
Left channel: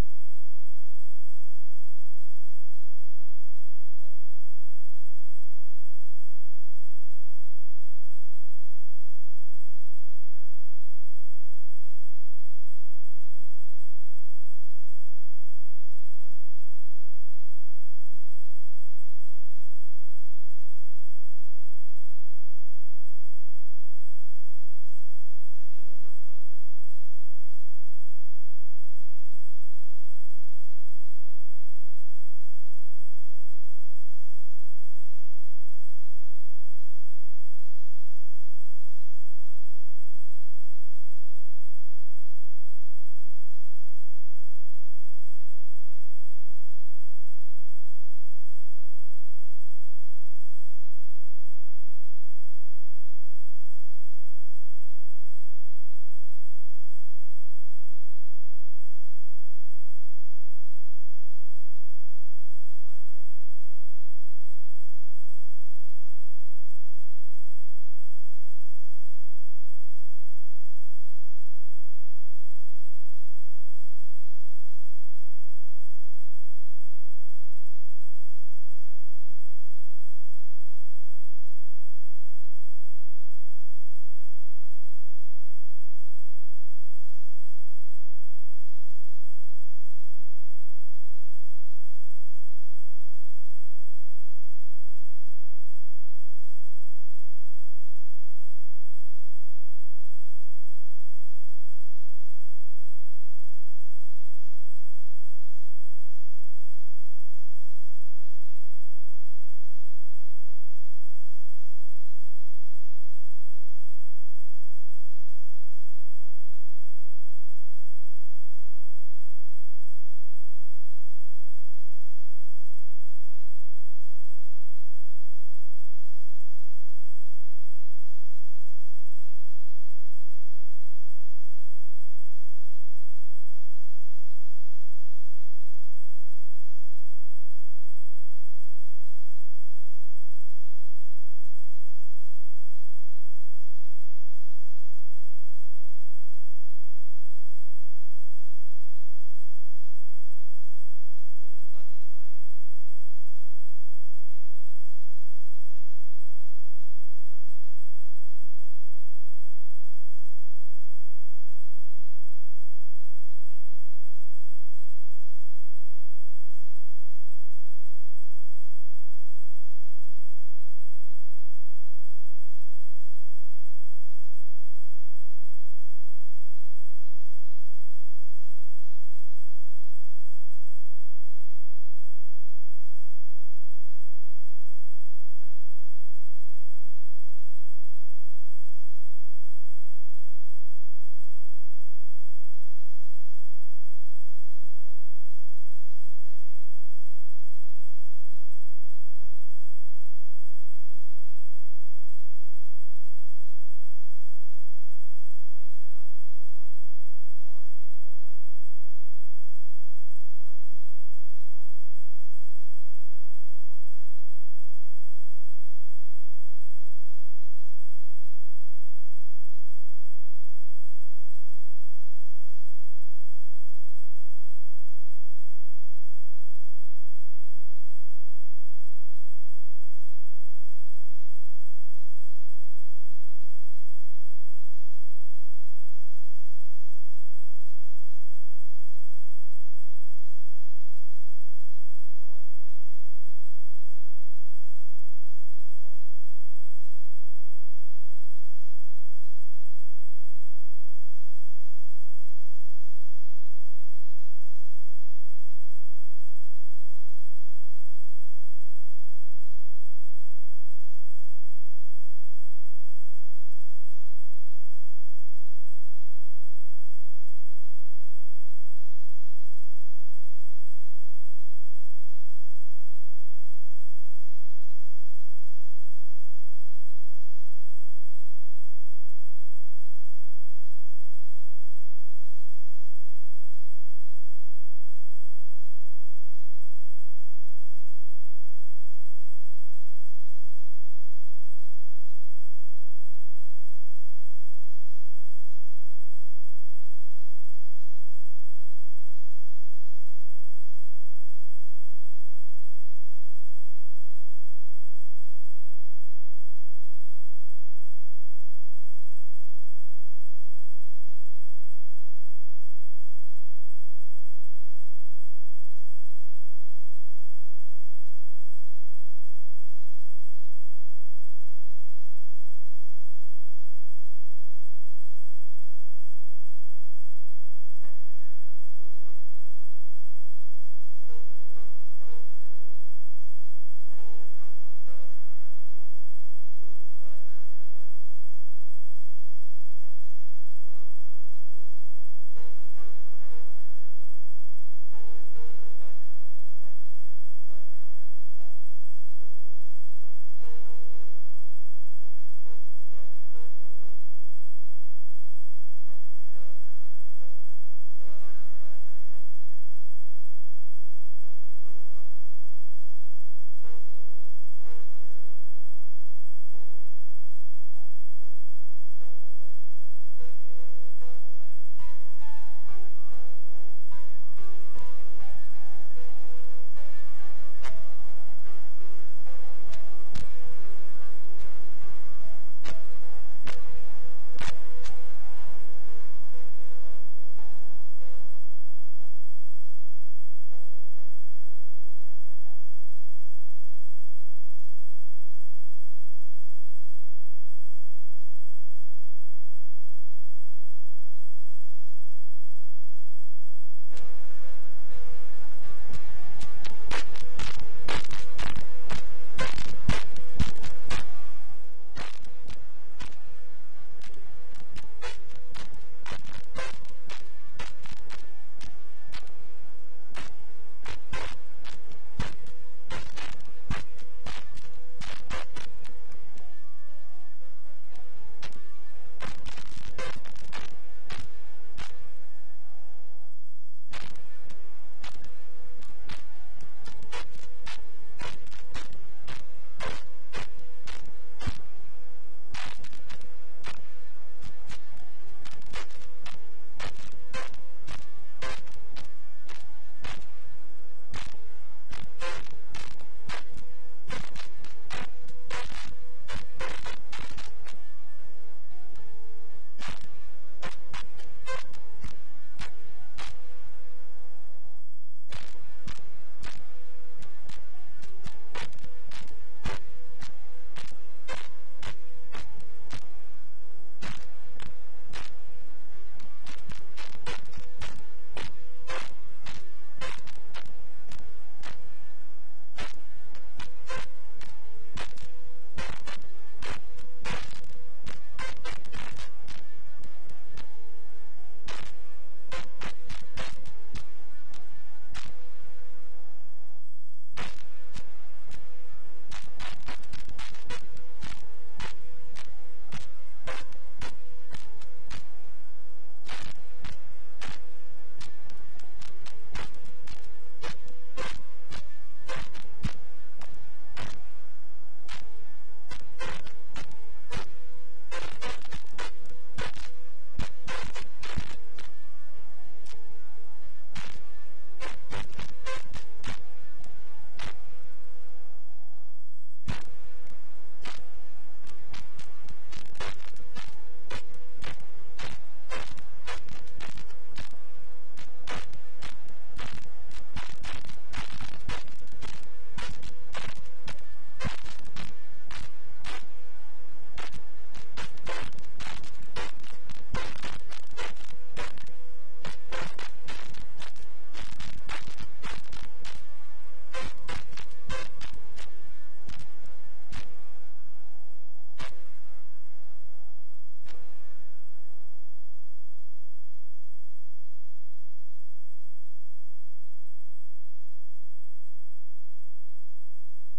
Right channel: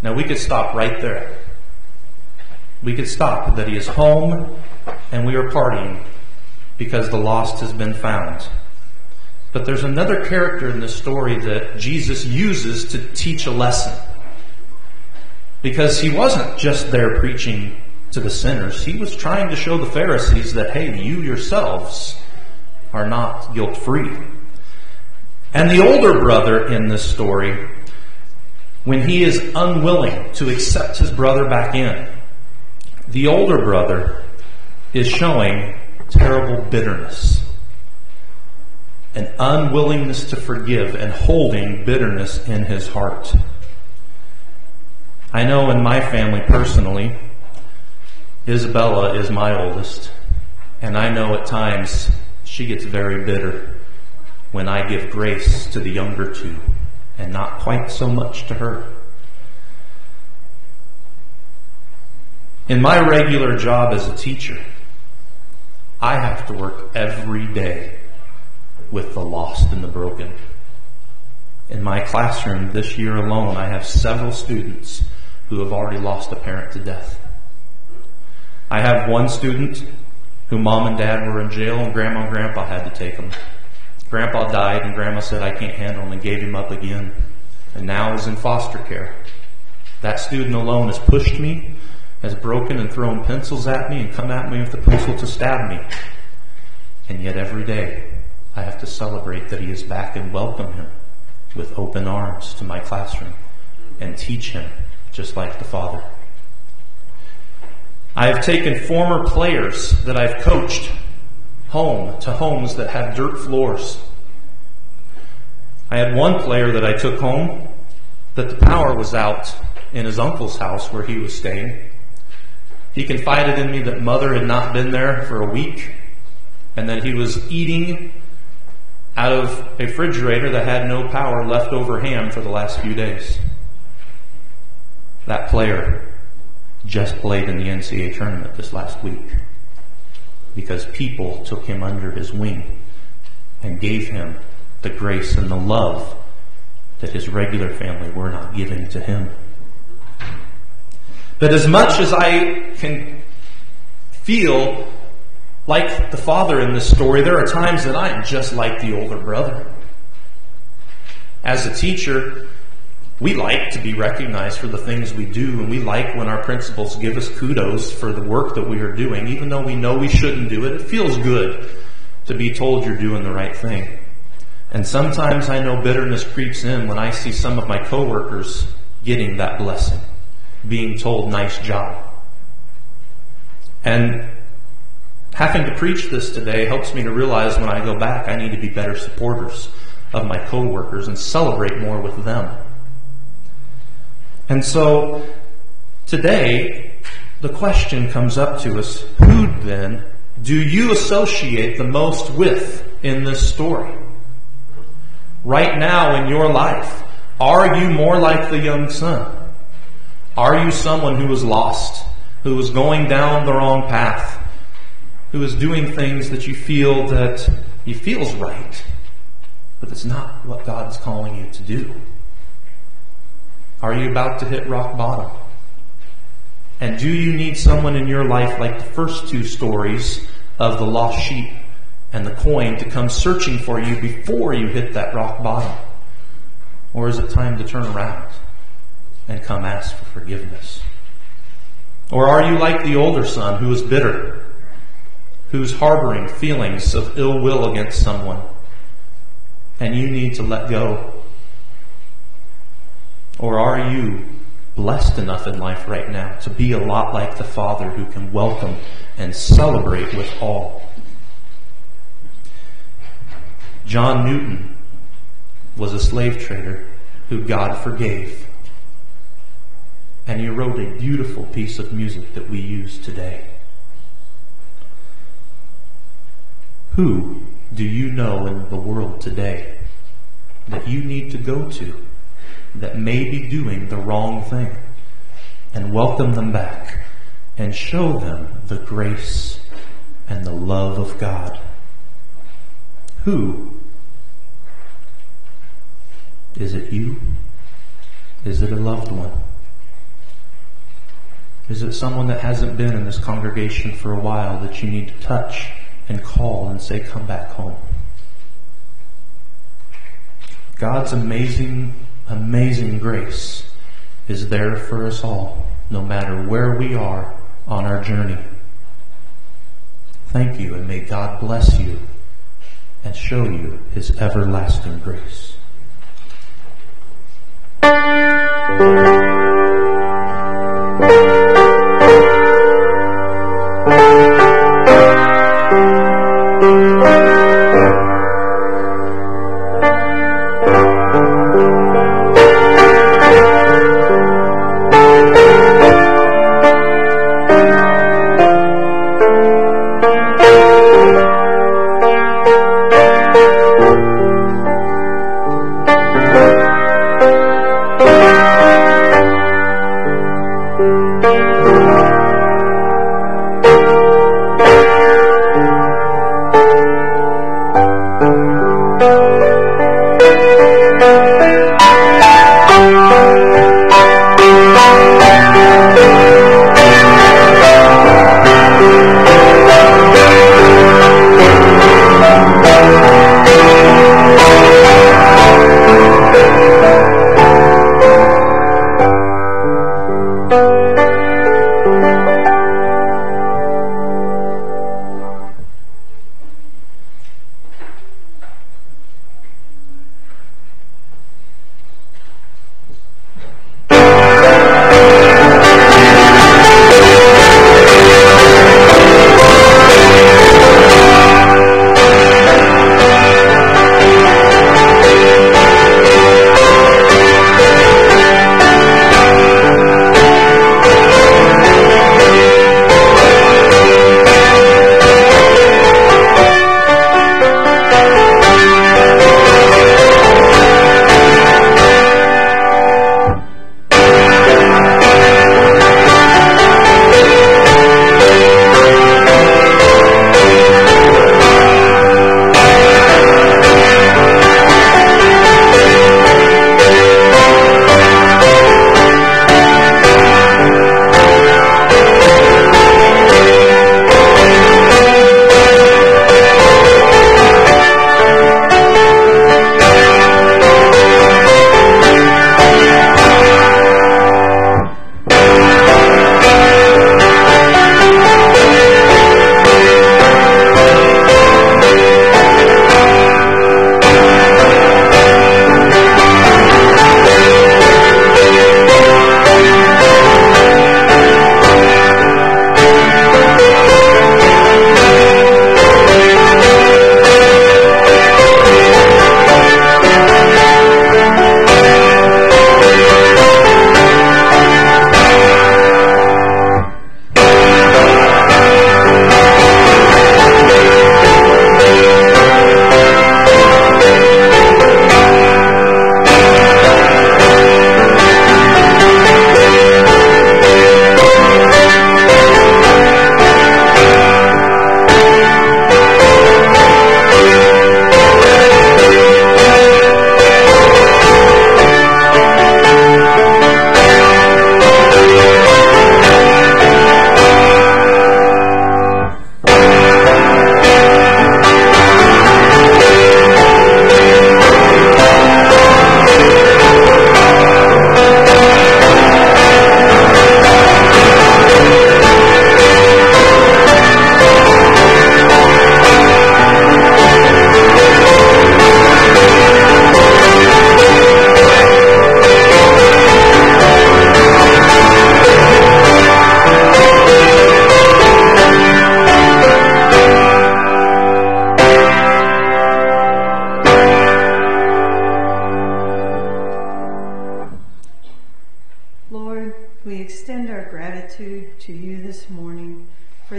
Now we could stop right there. we could stop, that he is home and we are partying because the lost has been found. But there's another character in this story that Jesus uses to teach a lesson. Because he wasn't just there preaching to the sinners. He was trying to show the Pharisees that, hey, you yourselves are not guilt-free. And the older brother in this story, when he is unwilling to accept his brother back in, the older brother is showing terrible bitterness, an unwillingness to forgive and holding bitterness in his heart. I know in my family personally, Isabella is my oldest, and I know at times she gets very bitter when I give grace to the younger two and not quite so much to her. In my regular job as a teacher, I have to work every day with the lost and the broken. In my classroom this year alone, I have several students who have already lost a parent to death. I have one student who mom and dad were in jail and grandma and grandpa had to take him. Grandpa died and grandma said, I can't handle him, and gave him up again. And now is in foster care. That student alone has pushed me, has broken and thrown pencils at me and come at me with a pencil to stab me. And yet every day I have to celebrate that he is back and welcome him with open arms to my classroom and teach him just like the Father. I have taken former players that I've coached home to homes that have dirt floors. I had one player that I took home that the power was out in his uncle's house where he was staying. He confided in me that mother had not been there for a week and that he was eating out of a refrigerator that had no power, leftover ham for the last few days. That player just played in the NCAA tournament this last week because people took him under his wing and gave him the grace and the love that his regular family were not giving to him. But as much as I can feel like the father in this story, there are times that I am just like the older brother. As a teacher, we like to be recognized for the things we do, and we like when our principals give us kudos for the work that we are doing. Even though we know we shouldn't do it, it feels good to be told you're doing the right thing. And sometimes I know bitterness creeps in when I see some of my coworkers getting that blessing, being told, nice job. And having to preach this today helps me to realize when I go back, I need to be better supporters of my coworkers and celebrate more with them. And so today, the question comes up to us, who then do you associate the most with in this story? Right now in your life, are you more like the young son? Are you someone who is lost, who is going down the wrong path, who is doing things that you feel feels right, but it's not what God is calling you to do? Are you about to hit rock bottom? And do you need someone in your life like the first two stories of the lost sheep and the coin to come searching for you before you hit that rock bottom? Or is it time to turn around and come ask for forgiveness? Or are you like the older son who is bitter, who's harboring feelings of ill will against someone, and you need to let go? Or are you blessed enough in life right now to be a lot like the Father who can welcome and celebrate with all? John Newton was a slave trader who God forgave. And he wrote a beautiful piece of music that we use today. Who do you know in the world today that you need to go to that may be doing the wrong thing, and welcome them back and show them the grace and the love of God? Who? Is it you? Is it a loved one? Is it someone that hasn't been in this congregation for a while that you need to touch and call and say, come back home? God's amazing, amazing grace is there for us all, no matter where we are on our journey. Thank you, and may God bless you and show you His everlasting grace.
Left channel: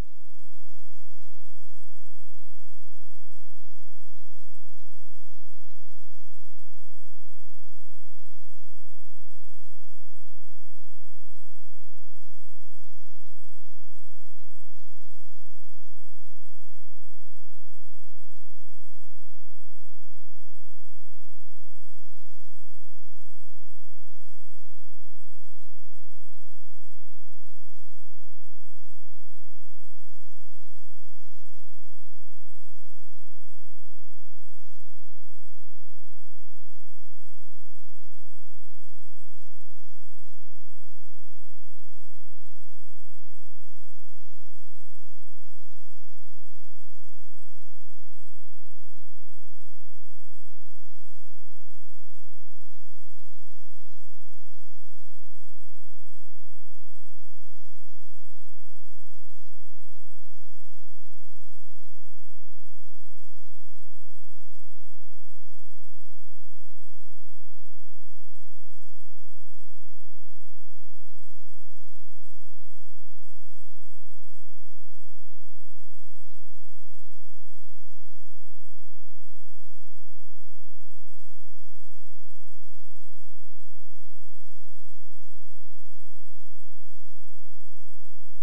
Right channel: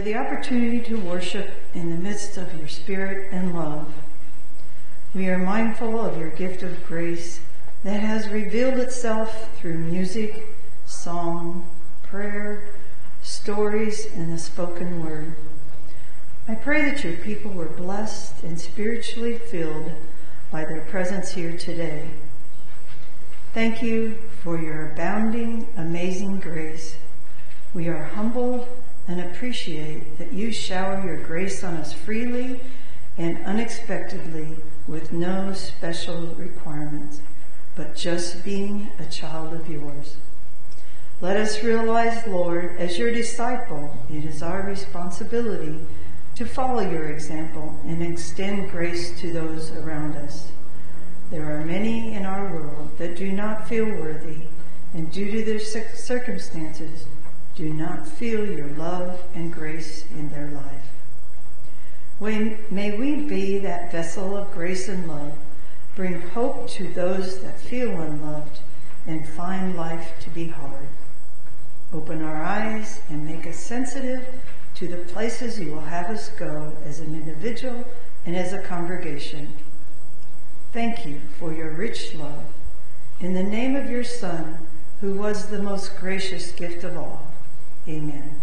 for the opportunity to worship in the midst of your spirit and love. We are mindful of your gift of grace that has revealed itself through music, song, prayer, stories, and the spoken word. I pray that your people were blessed and spiritually filled by their presence here today. Thank you for your abounding, amazing grace. We are humbled and appreciate that you shower your grace on us freely and unexpectedly with no special requirements, but just being a child of yours. Let us realize, Lord, as your disciple, it is our responsibility to follow your example and extend grace to those around us. There are many in our world that do not feel worthy, and due to their circumstances, do not feel your love and grace in their life. May we be that vessel of grace and love, bring hope to those that feel unloved, and find life to be hard. Open our eyes and make us sensitive to the places you will have us go as an individual and as a congregation. Thank you for your rich love. In the name of your Son, who was the most gracious gift of all. Amen.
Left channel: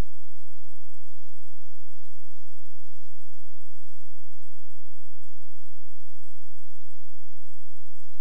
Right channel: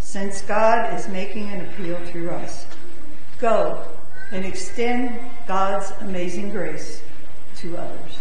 Since God is making an appeal through us, go and extend God's amazing grace to others.